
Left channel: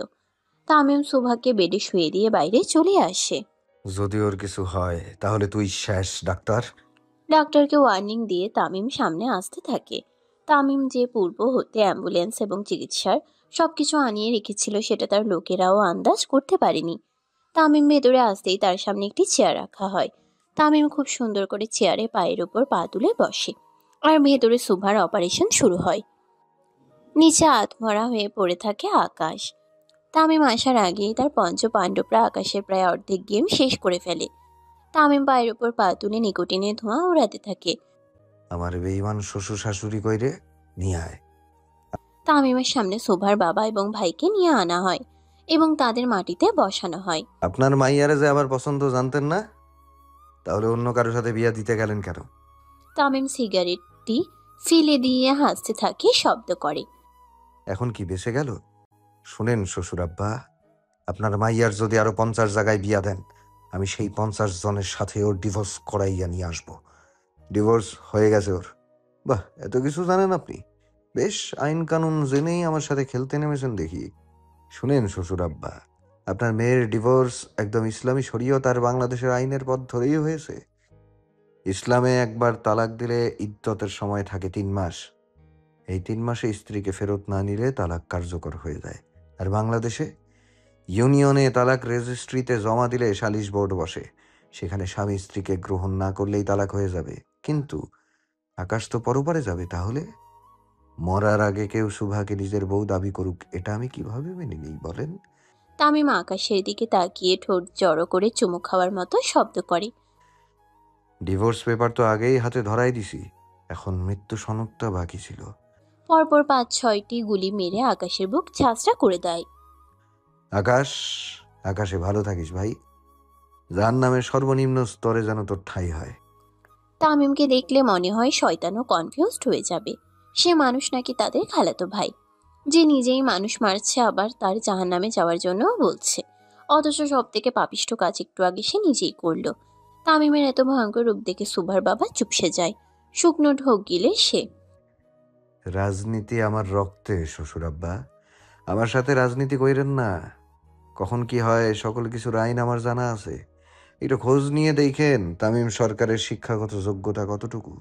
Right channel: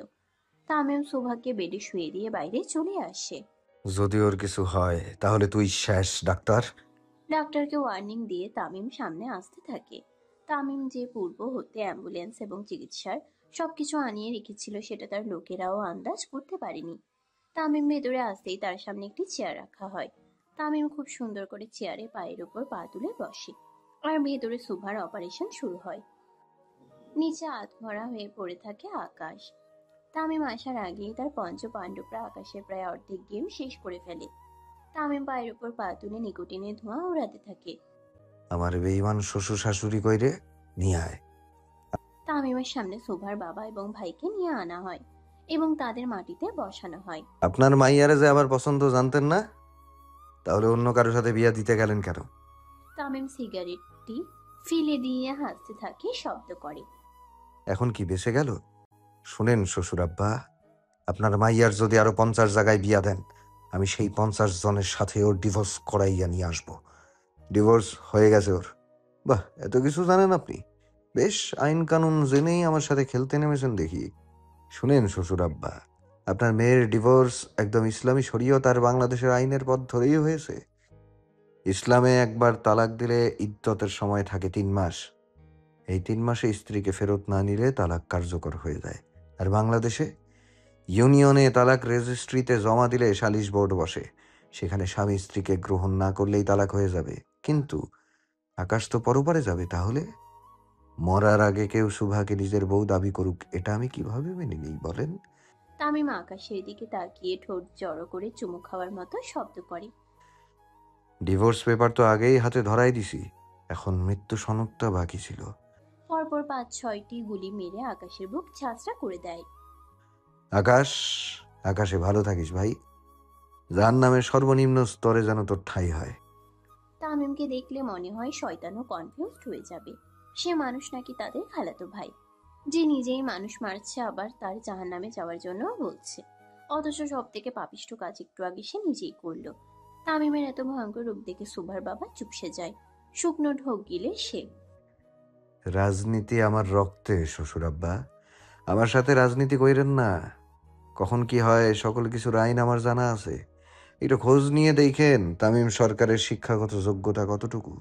তামিম সুভাকে বেডে শুয়ে দিয়ে বাইরে চলে আসে। যদি ওর কিছু হয় তাহলে তুই শেষ ডাক্তার। ডাক্তারকে ওয়ার্নিং দিয়ে তামিম সামনে আসতে থাকে। তামিম যে পূর্ব হতে অ্যাম্বুলেন্স এবং চিকিৎসার সবকিছু আনিয়ে রেখেছিল, সেটা তার লোকেরাও আন্দাজ করতে পারেনি। তামিম ভেতরে আসতেই তার সামনে একটি চেয়ার রাখা হয়। তামিম খুব সুন্দর করে চেয়ারে পায়ের উপর পা তুলে বসে, আর ভেতরে সুভার অপারেশন শুরু হয়। নিচে আধমরা হয়ে পড়ে থাকে আকাশ। তামিম আসার আগেই তার পঞ্চ পাণ্ডবরা আকাশের প্রায় অর্ধেক গেম শেষ করে ফেলে। তামিম পায়ের উপর পা তুলে নিকোটিনের ধোঁয়া উড়াতে থাকে। আমার বেঈমান শ্বশুর শাশুড়ি কইরে নিয়ে আয়। তামিমের সামনে সুভার বাবা এবং ভাইকে নিয়ে আনা হয় এবং তাদের মাটিতে বসানো হয়। আপনার মাইয়ারে যে আমার পছন্দ জানতেন না, তাহলে অন্য কারোর সাথে বিয়া দিতে গেলেন কেন? তামিম সিগারেটটি ফেলে দিয়ে হাসতে থাকে, শব্দ করে। এখন কি বেঁচে গেল? শুনেন শ্বশুর আব্বা, আপনার মাইয়ার যদি আরো 50 জায়গায় বিয়া দেন, আমি সেই 50 জনের সাথে ওর ডিভোর্স করাইয়া নিয়ে আসবো। ডিভোর্স হয়ে গেছে ওর। বাহ, এত কিছু জানেন আপনি। বেশ আইন কানুন জেনেই আমার সাথে খেলতে নেমেছেন দেখি। শুনেন শ্বশুর আব্বা, আপনার মেয়ের ডিভোর্স একদম ইসলামী শরীয়ত আর বাংলাদেশের আইনের পথ ধরেই হয়েছে। ইসলামে একবার তালাক দিলে ইদ্যতের সময় থাকে 3 মাস। এই 3 মাসে স্ত্রীকে ফেরত না নিলে তালাক কার্যকর হয়ে যায়। আর বাংলাদেশে ইউনিয়নে তালাক রেজিস্ট্রিতে জমা দিলে সালিশ বোর্ড বসে, সেখানে স্বামী স্ত্রীকে গ্রহণ না করলেই তালাক হয়ে যাবে। কিন্তু আকাশ তো পরপারে যাবে, তাহলে মরার আগে কেউ সুভাকে নিজের বউ দাবি করুক, এটা আমি কিভাবে মেনে নিই বলেন? তামিম আকাশের দিকে তাকিয়ে ঠোঁট জড়ো করে চুমু খাওয়ার মতো শব্দ করে। ডিভোর্স পেপার তো আগেই হাতে ধরাই দিছি, এখন মৃত্যু সনদটা বাকি ছিল। পরপর 5-6টি গুলি মেরে আকাশের বুক ঝাঁঝরা করে দেয়। আকাশ, আকাশে ভালো থাকিস ভাই। জাহান্নামের সর্বনিম্ন স্তরে যেন তোর ঠাঁই হয়। তামিমকে দেখলে মনে হয় শয়তানও কনফিউজড হয়ে যাবে। সে মানুষ নাকি তাদের খালাতো ভাই, যে নিজেই মানুষ মারছে, আবার তার জাহান্নামে যাওয়ার জন্যও বলছে। অথচ সব থেকে পাপিষ্ঠ কাজ একটু আগে সে নিজেই করলো। তামিমের এত ভয়ঙ্কর রূপ দেখে সুভার বাবা চুপসে যায়। শুকনো ঢোক গিলে সে। রাজনীতি আমার রক্তে শ্বশুর আব্বা, আমার সাথে রাজনীতি কইরেন না। কখন কি হয় সকল কিছুর আইন আমার জানা আছে। একটু খোঁজ নিয়ে দেখেন তামিম সরকারের শিক্ষাগত যোগ্যতা কতটুকু।